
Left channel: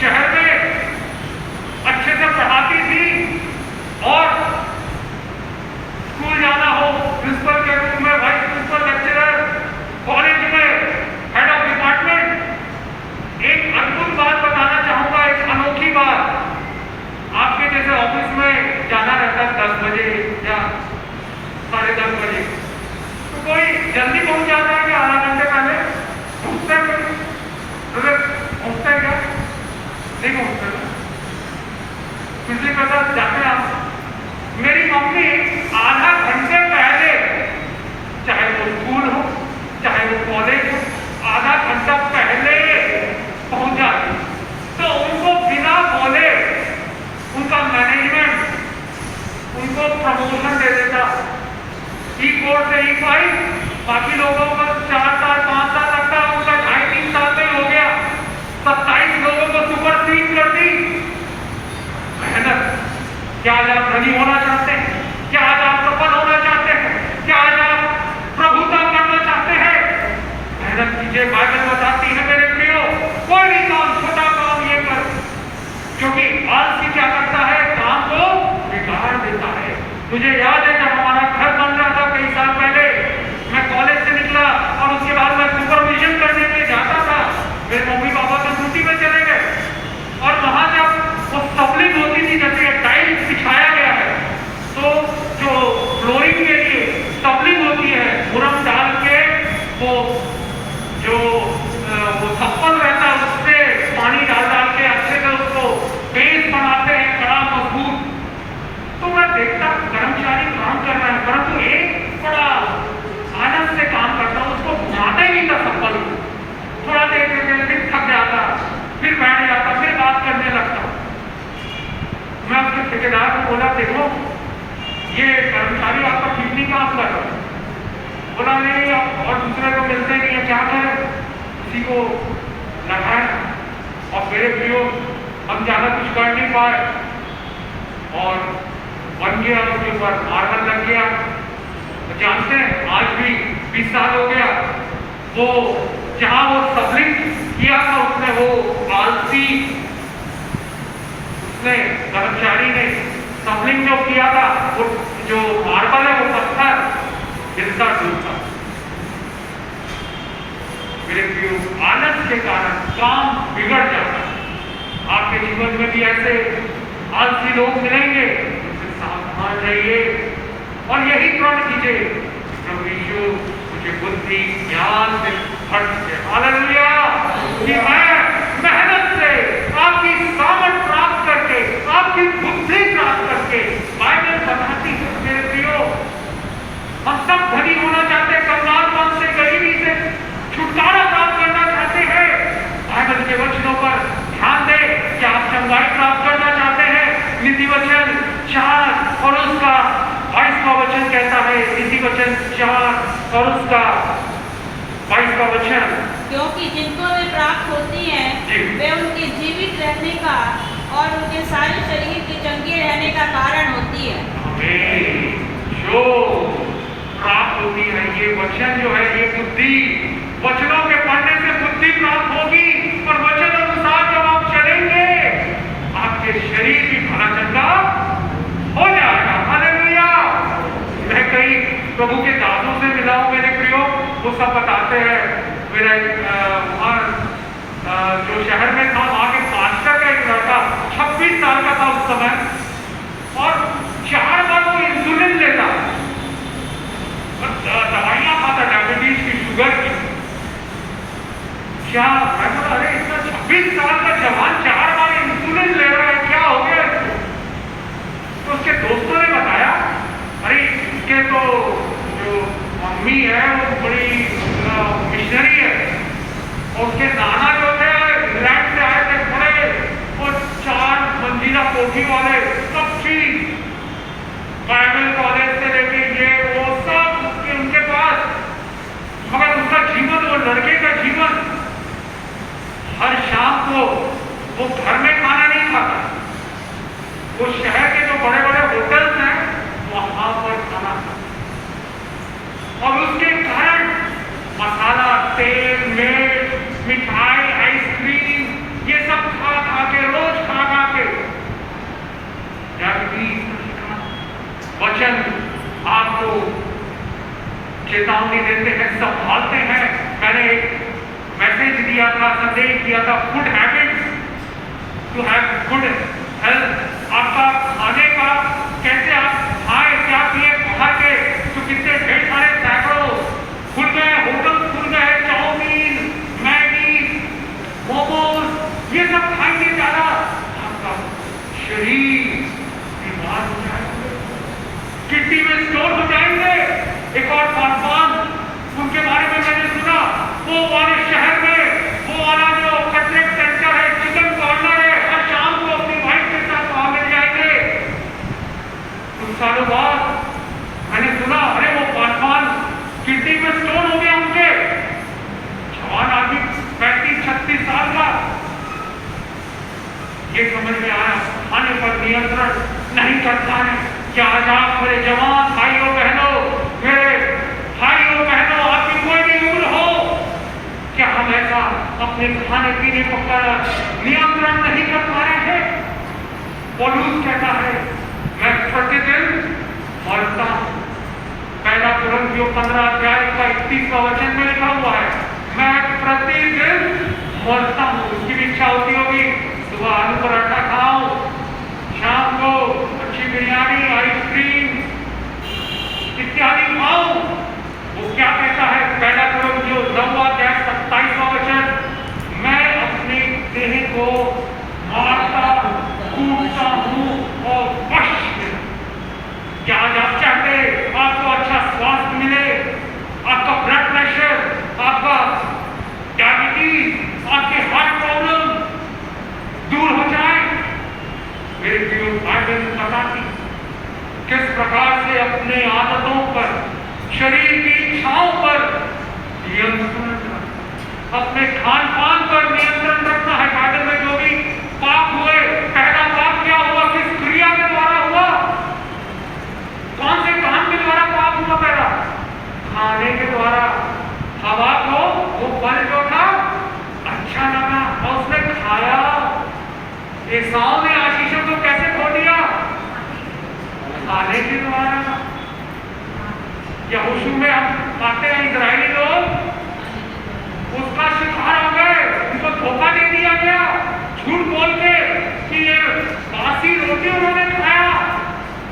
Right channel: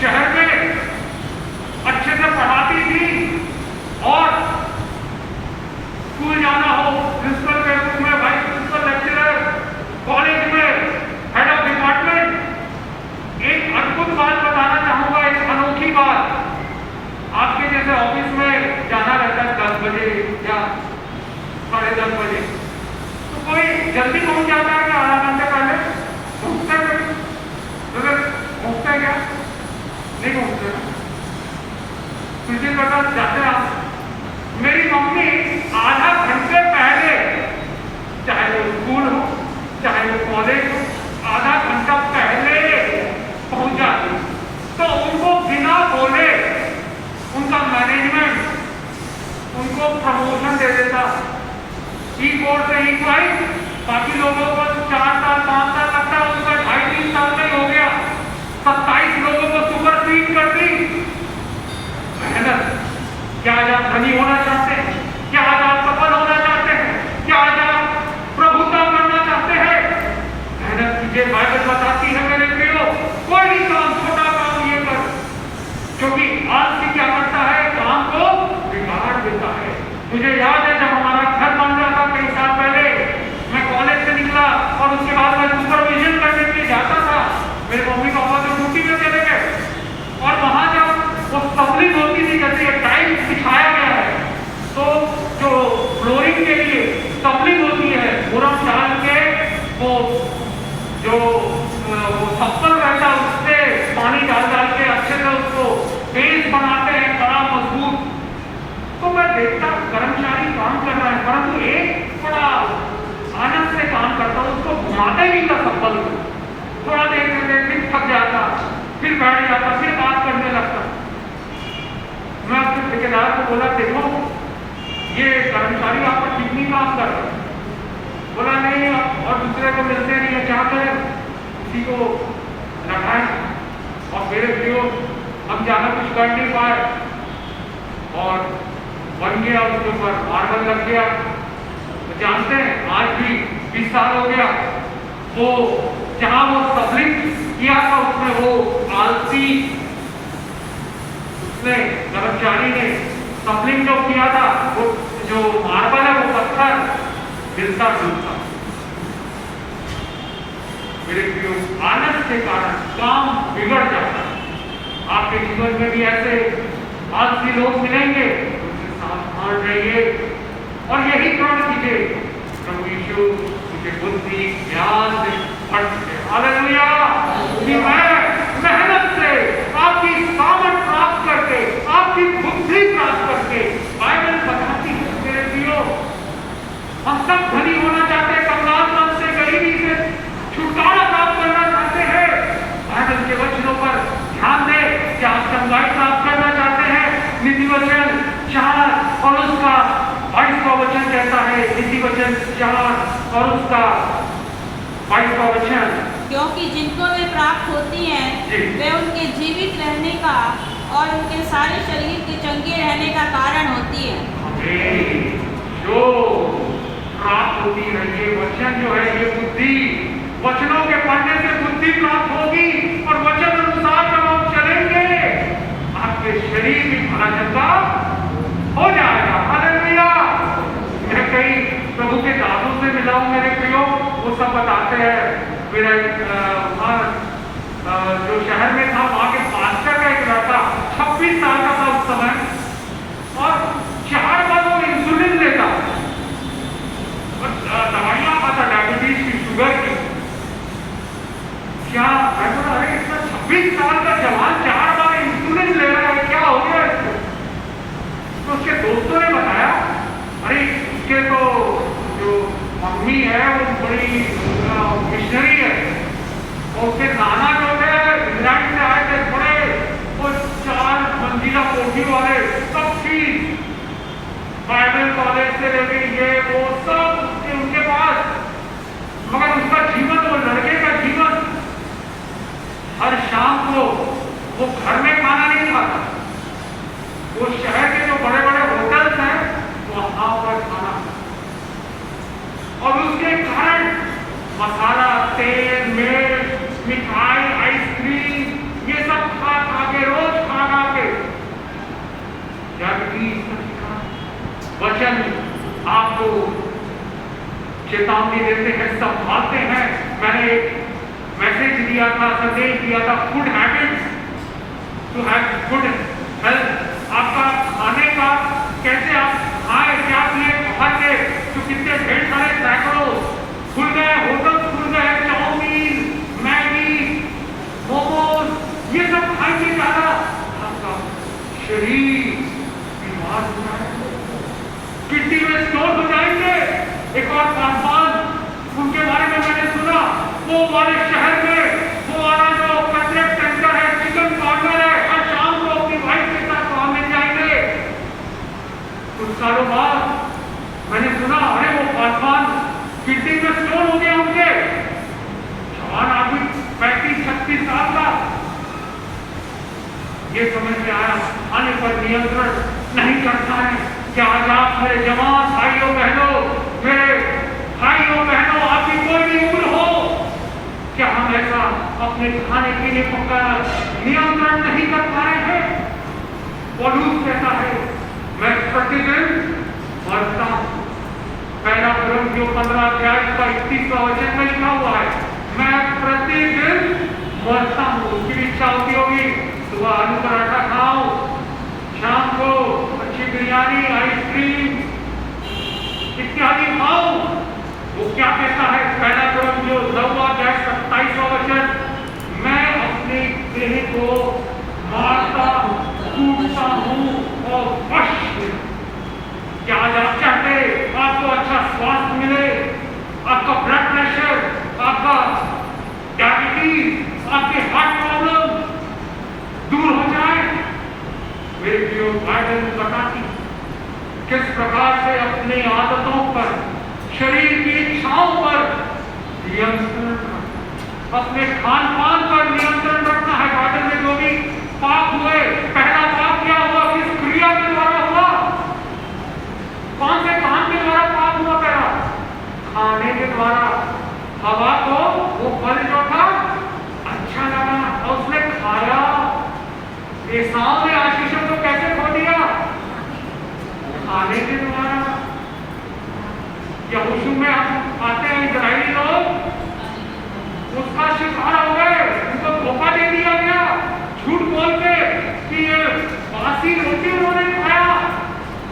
शहर में अच्छे से पढ़ाती थी, और स्कूल जाना हो, प्रिंसिपल के रूप में, वाइस प्रिंसिपल, लेक्चरर, कॉलेज में हेड ऑफ डिपार्टमेंट। एक अद्भुत बात बताना चाहूंगा, एक अनोखी बात। आपके जैसे ऑफिस में जाना रहता है 10 बजे या 10:30 बजे, तो कोई जल्दी पहुंच जाता है क्या? आधा घंटे पहले पहुंचते हैं? पहुंचते हैं क्या? नहीं पहुंचते। किसी प्रकार जाते आप। मेरी मम्मी आधा घंटे पहले, चाहे वो स्कूल हो, चाहे वो कॉलेज हो, आधा घंटा पहले पहुंच जाती। तो उनको बिना बोले उनका मैनेजमेंट उनको प्रमोशन दे देता। E4 से E5, बाकी लोगों को 4 साल 5 साल लगता, उनका 2.5-3 साल में हो गया। 27 लोगों को सुपरसीड कर दी। मेहनत। क्या आज आप धनी होना चाहते हैं? क्या आज आप सफल होना चाहते हैं? क्या आज आप प्रभुता करना चाहते हैं? मेहनत कीजिए। बाइबल बताती है मेरे प्रियो, कोई भी काम, छोटा काम ये कर, क्योंकि आलसी क्या करता है? काम को बिगाड़ देता है। मुझे याद है जब हमारा घर बन रहा था कई साल पहले, मैं कॉलेज से निकला और उसके बाद मैं सुपरविजन करने के लिए जाता था। मेरे मम्मी पापा तो ड्यूटी में चले गए, और वहां जब वो स्टबलिंग होती थी, जैसे टाइल्स बिछाया गया है, तो जो फ्लोरिंग के लिए स्टबलिंग होती है, मुरम डाल के वो जो छप्पन रहता है उससे पानी डाल के अच्छे से उसको बेस बनाते हैं, बड़ा मजबूत। तो मैं देखता कर्मचारी काम कर रहा है, परंतु एक बड़ा आनंद से काम करता हूँ, उसको घुमाते नहीं था सफल। थोड़ा देर थक जाता, फिर बैठ जाता, फिर बात करने लगता। मैं आपके ठेकेदार को बोला, देखो ये कर्मचारी आपका ठीक नहीं काम कर रहा। बोला नहीं, और दूसरे को मिलते नहीं है, क्या करें? किसी को लगाए। और मेरे प्रियो, हम ज्यादा कुछ कर नहीं पाए, और बन गया, उसके ऊपर मार्बल लग गया। तो जानते हैं, आज भी 20 साल हो गया, वो जहां वो स्टबलिंग किया था, उसने वो आलसी, उसने कर्मचारी ने स्टबलिंग जो किया था, वो जो मार्बल है वो पत्थर गिरता डूबता। मेरे प्रियो, आलस के कारण काम बिगड़ जाता है। आपके जीवन में भी ऐसे आलसी लोग मिलेंगे, इससे सावधान रहिए और यही प्रण कीजिए, प्रभु यीशु मुझे बुद्धि ज्ञान से भर दे। हालेलुया। कि मैं मेहनत से आपकी सामर्थ प्राप्त करके, आपकी बुद्धि प्राप्त करके, बाइबल बताती है मेरे प्रियो, हम सब धनी होना चाहते हैं, कंगालपन से, गरीबी से छुटकारा प्राप्त करना चाहते हैं। बाइबल के वचनों पर ध्यान दें। क्या आप चंगाई प्राप्त करना चाहते हैं? नीति वचन 4 और उसका 22वां वचन कहता है, नीति वचन 4 और उसका 22वां वचन, क्योंकि जिनको वे प्राप्त होती हैं जी। वे उनके जीवित रहने का और उनके सारे शरीर के चंगे रहने का कारण होती है। आमीन। जो प्राप्त होती है ये वचन जो है ये बुद्धि, वचनों के पढ़ने से बुद्धि प्राप्त होगी और वचन अनुसार जब आप चलेंगे आपके शरीर भी भला चंगा हो जाएगा। हालेलुया। मैं कई प्रभु के दासों से मिला हूं मेरे प्रियो, वो सब बताते हैं मेरे जो शहर में था वहां के पास्टर का एक लड़का 26 साल का था उस समय और 4 बार वो इंसुलिन लेता और दवाइयां खाता डायबिटीज की, शुगर की। क्या मैं बोला अरे इतना 26 साल का जवान 4 बार इंसुलिन ले रहा है, क्या हो गया इसको? तो उसके दोस्तों ने बताया अरे इसके तो जो मम्मी है वो बड़ी मिशनरी है और उसके नाना जो थे इंग्लैंड से आए थे, बड़े वो 4 मंजिला कोठी वाले, सब चीज बाइबल कॉलेज से लेके ये वो सब उनके पास, मगर उसका जीवन, वो लड़के का जीवन, हर शाम को वो घर में खाना नहीं खाता, वो शहर के जो बड़े बड़े होटल्स हैं वहां पर खाना खाता और उसके कारण मसाला, तेल, मिर्च, मिठाई, आइसक्रीम ये सब खा खा के, रोज खा खा के डायबिटीज। वचन आपको चेतावनी देते हैं, संभालते हैं। मैंने एक मैसेज दिया था, संदेश दिया था, food habits to have good health. आपका खाने का कैसे आप खाएं, क्या पिए, बाहर के जो कितने ढेर सारे सैकड़ों खुल गए, होटल खुल गए, चाउमीन, मैगी, मोमोज ये सब खाएंगे ज्यादा, आपका शरीर बीमार हो जाएगा, किडनी में स्टोन हो जाएंगे। एक और पासवान उनके बारे में मैंने सुना, वो वाले शहर में वो वाला जो कटलेट सेंटर है, चिकन कॉर्नर है, हर शाम को अपनी वाइफ के साथ वहां मिल जाएंगे। कुछ सालों बाद मैंने सुना अरे वो पासवान किडनी में स्टोन हो गया उनके, जवान आदमी 35-36 साल का। ये समझ में आया खाने पर नियंत्रण नहीं करता है। क्या आज आप मेरे जवान भाइयों बहनों, मेरे भाइयों बहनों, आपकी कोई भी उम्र हो, क्या हम ऐसा अपने खाने पीने पर नियंत्रण नहीं कर पा रहे हैं? पौलुस कहता है मैं प्रतिदिन मरता हूं। पहला कुरिन्थियों 15 अध्याय का 31वां वचन में लिखा हुआ है मैं प्रतिदिन मरता हूं। उसकी भी इच्छा होती होगी सुबह आलू पराठा खाओ, शाम को अच्छी बिरयानी, आइसक्रीम इत्यादि खाओ। वो क्या कहता है पहला कुरिन्थियों 9 अध्याय 27वां वचन मैं अपने देह को मारता कूटता हूं और वश में। क्या आज आप चाहते आपको अच्छा स्वास्थ्य मिले, आपका ब्लड प्रेशर, आपका डायबिटीज, आपके हार्ट प्रॉब्लम दूर हो जाए? मेरे प्रियो बाइबल बताती किस प्रकार से अपने आदतों पर, शरीर की इच्छाओं पर नियंत्रण, अपने खान पान पर नियंत्रण रखना है। बाइबल में जो भी पाप हुए, पहला पाप क्या हुआ, किस क्रिया के द्वारा हुआ, कौन से काम के द्वारा पाप हुआ? तेरा खाने के द्वारा। हवा को वो फल जो था अच्छा लगा और उसने खाया। एसाव ने आशीषों को कैसे खो दिया? खाने के द्वारा। यहोशू में हम आते हैं इजरायली लोग, उसका शिकार हो गए, उनको धोखा दे दिया गया, झूठ बोल के कि ये बासी रोटी उन्होंने खाया।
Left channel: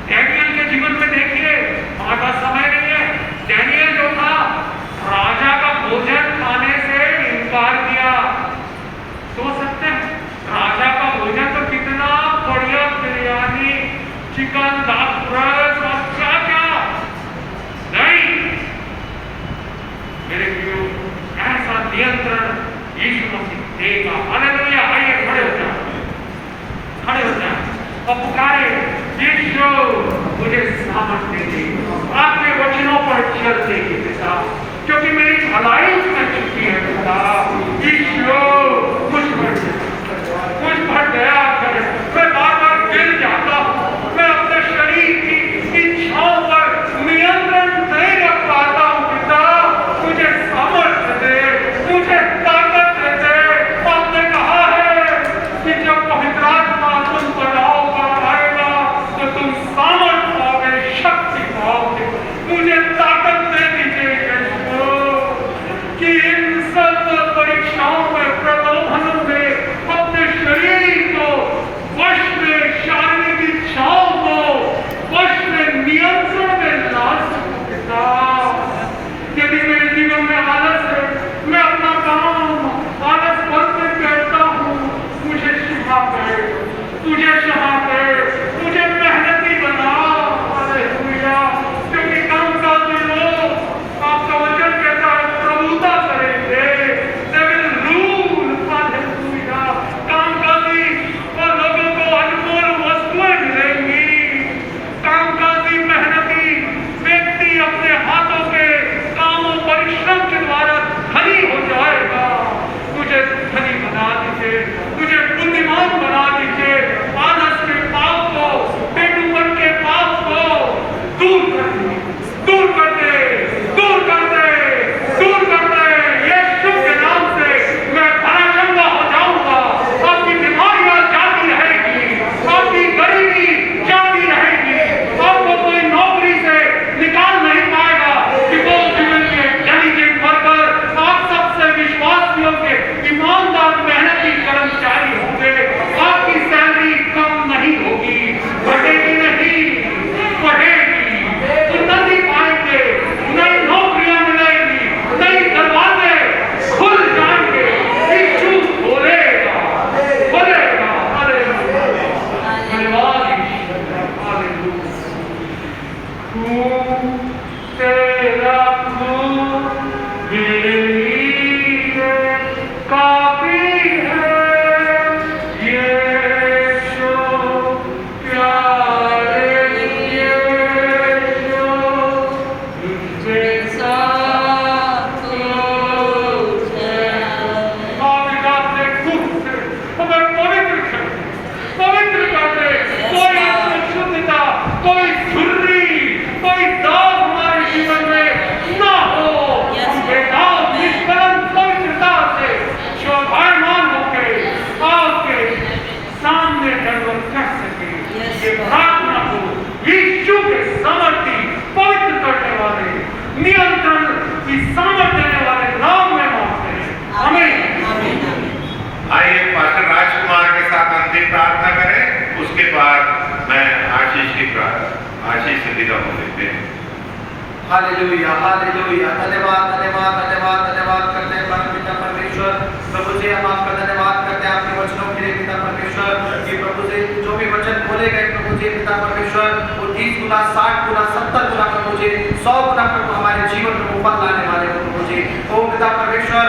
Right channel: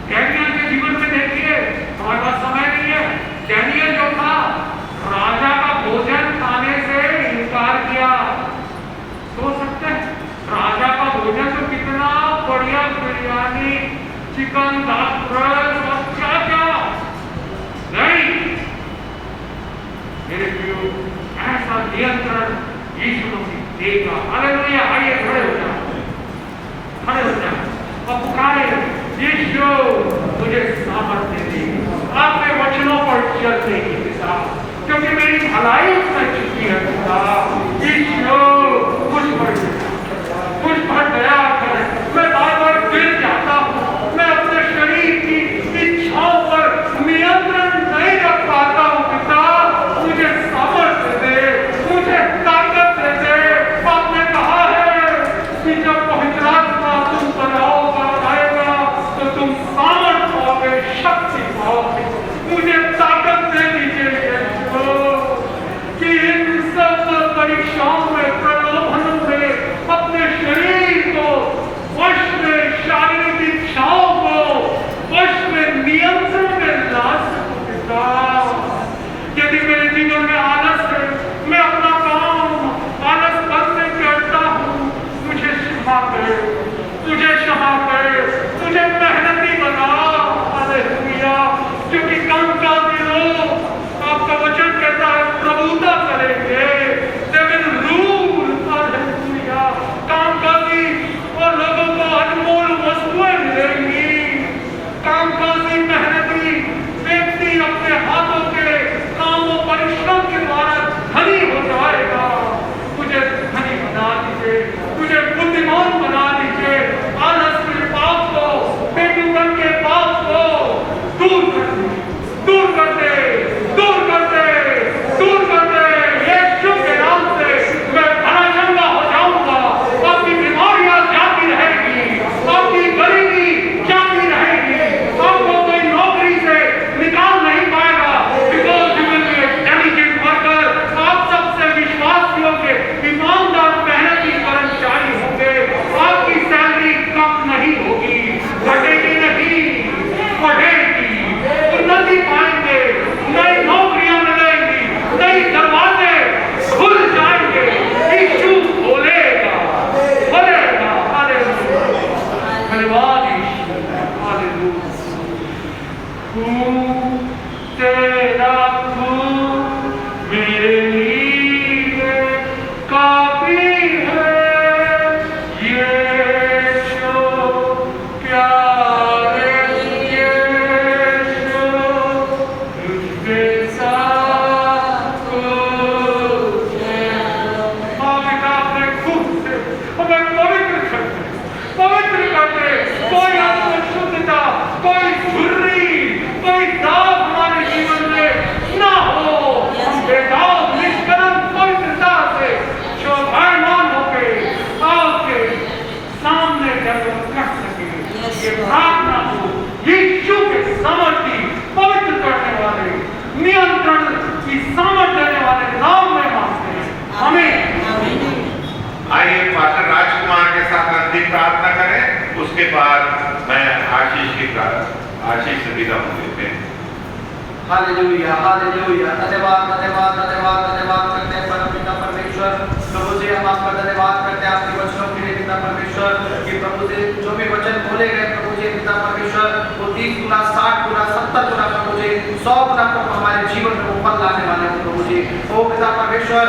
डैनियल के जीवन में देखिए, हमारे पास समय नहीं है, डैनियल जो था राजा का भोजन खाने से इनकार किया। सोच सकते हैं राजा का भोजन तो कितना बढ़िया, बिरयानी, चिकन, दाल, और क्या क्या नहीं। मेरे प्रियो ऐसा नियंत्रण यीशु मसीह देगा। हालेलुया। आइए खड़े हो जाओ, खड़े हो जाओ और पुकारे यीशु मुझे सामर्थ्य दे आपके वचनों पर चलने की दिशा, क्योंकि मेरी भलाई उसमें छुपी है खुदा। यदि मेरे जीवन में आलस है, मैं अपना काम आलस करते करता हूँ, मुझे क्षमा करे, मुझे क्षमा करे, मुझे मेहनती बना। हालेलुया। क्योंकि काम का भी लोग आपका वचन कहता है प्रभुता करेंगे, they will rule। हालेलुया। काम का भी और लोगों को अनमोल वस्तुएं मिलेंगी। कामकाजी मेहनती व्यक्ति अपने हाथों के कामों परिश्रम के द्वारा धनी हो जाएगा। तुझे धनी बना दीजिए, तुझे बुद्धिमान बना दीजिए। आलस के पाप को, बेटूपन के पाप को दूर कर दे, दूर कर दे, दूर कर दे, दूर कर दे। यीशु के नाम से मैं धनाढ्य हो जाऊंगा। आपकी बीमारियां जाती रहेगी, आपकी गरीबी जाती रहेगी, आपको कोई नौकरी से निकाल नहीं पाएगा। बिकॉज जीवन में डेलीजेंट वर्कर, आप सबसे विश्वासियों के ईमानदार मेहनती कर्मचारी होंगे। आपकी सैलरी कम नहीं होगी, घटेगी नहीं, बढ़ेगी। उन्नति पाएंगे, नई नौकरियां मिलेंगी, नई दरवाजे खुल जाएंगे। यीशु बोलेगा, बोलेगा। हालेलुया। धन्यवाद यीशु। हालेलुया। तू तेरा खून मेरे लिए काफी है। यीशु प्यारे यीशु, तुझे साथ कुछ नहीं। पिता अपने खून से हमें पवित्र कर दे, पवित्र कर दे। कोई अशुद्धता, कोई झुर्री, कोई दाग हमारे जीवन में ना हो। हम बेदाग निष्कलंक पवित्रता से शोभायमान होकर आपके सामने गर्व कर सके। ये प्रार्थना हो यीशु के सामर्थ्य पवित्र करने वाले, नियंत्रण की सामर्थ्य देने वाले नाम में मांगते हैं। आमीन। आइए पास्टर राजकुमार के साथ अंतिम प्रार्थना करें, उसके बाद मैं आशीष की आशीष से विदा हो लेते हैं। Hallelujah, hallelujah. धन्यवाद, धन्यवाद, धन्यवाद, धन्यवाद करते हैं परमपिता परमेश्वर। प्रभु जी, हम आपका धन्यवाद करते हैं आपके वचनों के लिए पिता परमेश्वर, कि प्रभु जी जो भी वचन बोले गए प्रभु जी पिता परमेश्वर, वो 30 गुना, 60 गुना, 70 गुना प्रभु जी, 100 गुना प्रभु हमारे जीवन को फल लाने वाले प्रभु जी। ओ पिता परमेश्वर,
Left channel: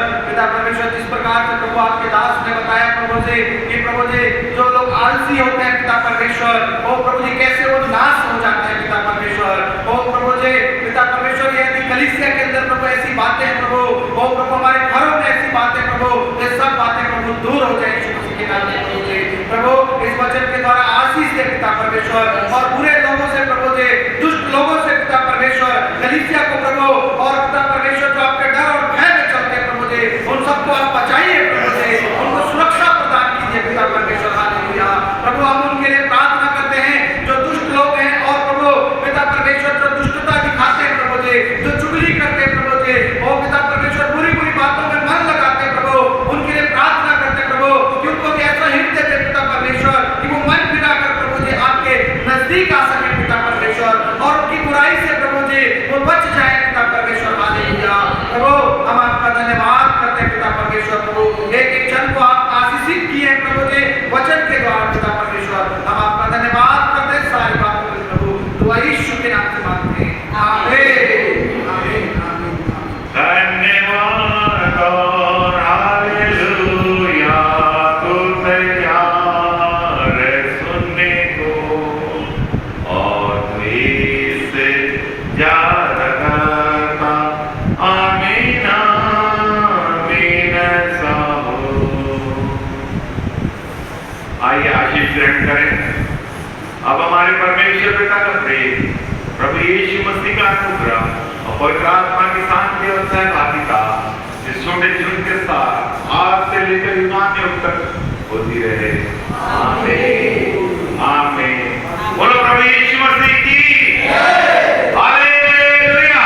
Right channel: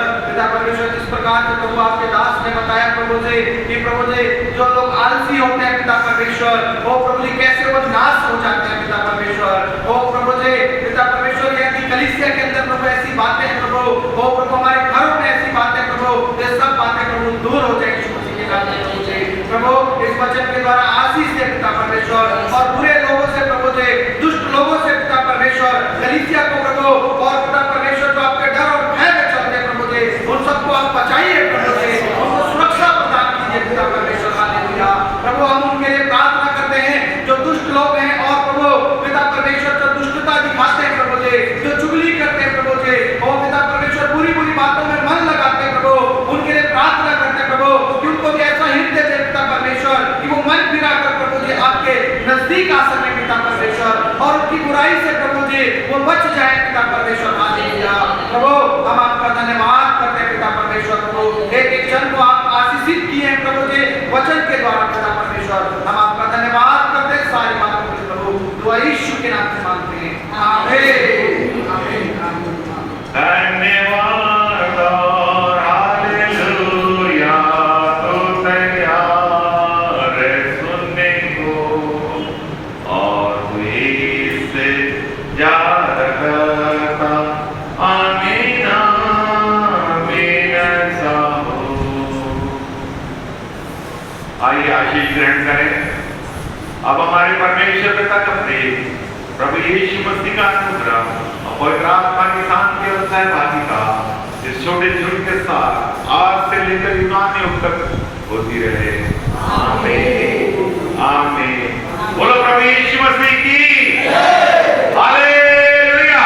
जिस प्रकार से प्रभु आपके दास ने बताया प्रभु जी, कि प्रभु जी जो लोग आलसी होते हैं पिता परमेश्वर, ओ प्रभु जी कैसे वो नाश हो जाते हैं पिता परमेश्वर। ओ प्रभु जी पिता परमेश्वर, यदि कलीसिया के अंदर प्रभु ऐसी बातें प्रभु, ओ प्रभु हमारे घरों में ऐसी बातें प्रभु, ये सब बातें प्रभु दूर हो जाए यीशु मसीह के नाम में प्रभु जी। प्रभु इस वचन के द्वारा आशीष दे पिता परमेश्वर, और बुरे लोगों से प्रभु जी, दुष्ट लोगों से पिता परमेश्वर, कलीसिया को प्रभु, और पिता परमेश्वर जो आपके डर और भय में चलते हैं प्रभु जी, उन सबको आप बचाइए प्रभु जी, उनको सुरक्षा प्रदान कीजिए पिता परमेश्वर। हालेलुया। प्रभु हम उनके लिए प्रार्थना करते हैं जो दुष्ट लोग हैं, और प्रभु पिता परमेश्वर जो दुष्टता दिखाते हैं प्रभु जी, जो चुगली करते हैं प्रभु जी, ओ पिता परमेश्वर बुरी बुरी बातों में मन लगाते हैं प्रभु, उनके लिए प्रार्थना करते हैं प्रभु, कि उनको भी ऐसा हृदय दे पिता परमेश्वर, कि वो मन फिरा कर प्रभु जी आपके नजदीक आ सके पिता परमेश्वर, और उनकी बुराई से प्रभु जी वो बच जाए पिता परमेश्वर। हालेलुया। प्रभु हम आपका धन्यवाद करते हैं पिता परमेश्वर। प्रभु एक एक जन को आप आशीषित किए हैं प्रभु जी वचन के द्वारा पिता परमेश्वर, हम आपका धन्यवाद करते हैं। सारी बातों प्रभु दुआ यीशु के नाम से मांगते हैं, आमीन, आमीन, आमीन। धन्यवाद और हालेलुया, तू तैयार है सुनने को, और तू इससे जा रहा था। आमीन, आमीन, ऐसा हो। आइए आशीष ग्रहण करें। अब हमारे परमेश्वर पिता का प्रेम, प्रभु यीशु मसीह का अनुग्रह और पवित्र आत्मा की शांति और सहभागिता इस छोटे झुंड के साथ आज से लेकर युगान युग तक होती रहे। आमीन, आमीन। बोलो प्रभु यीशु मसीह की हालेलुया।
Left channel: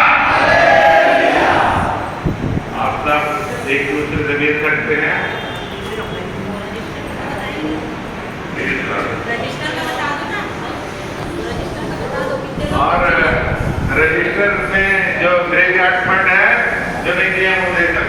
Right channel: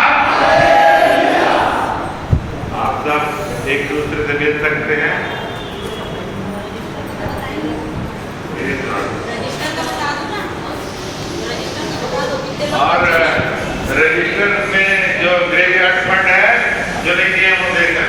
आप सब एक दूसरे से मिल सकते हैं। और रजिस्टर में जो ग्रेवियार्ड फंड है नहीं किया वो देख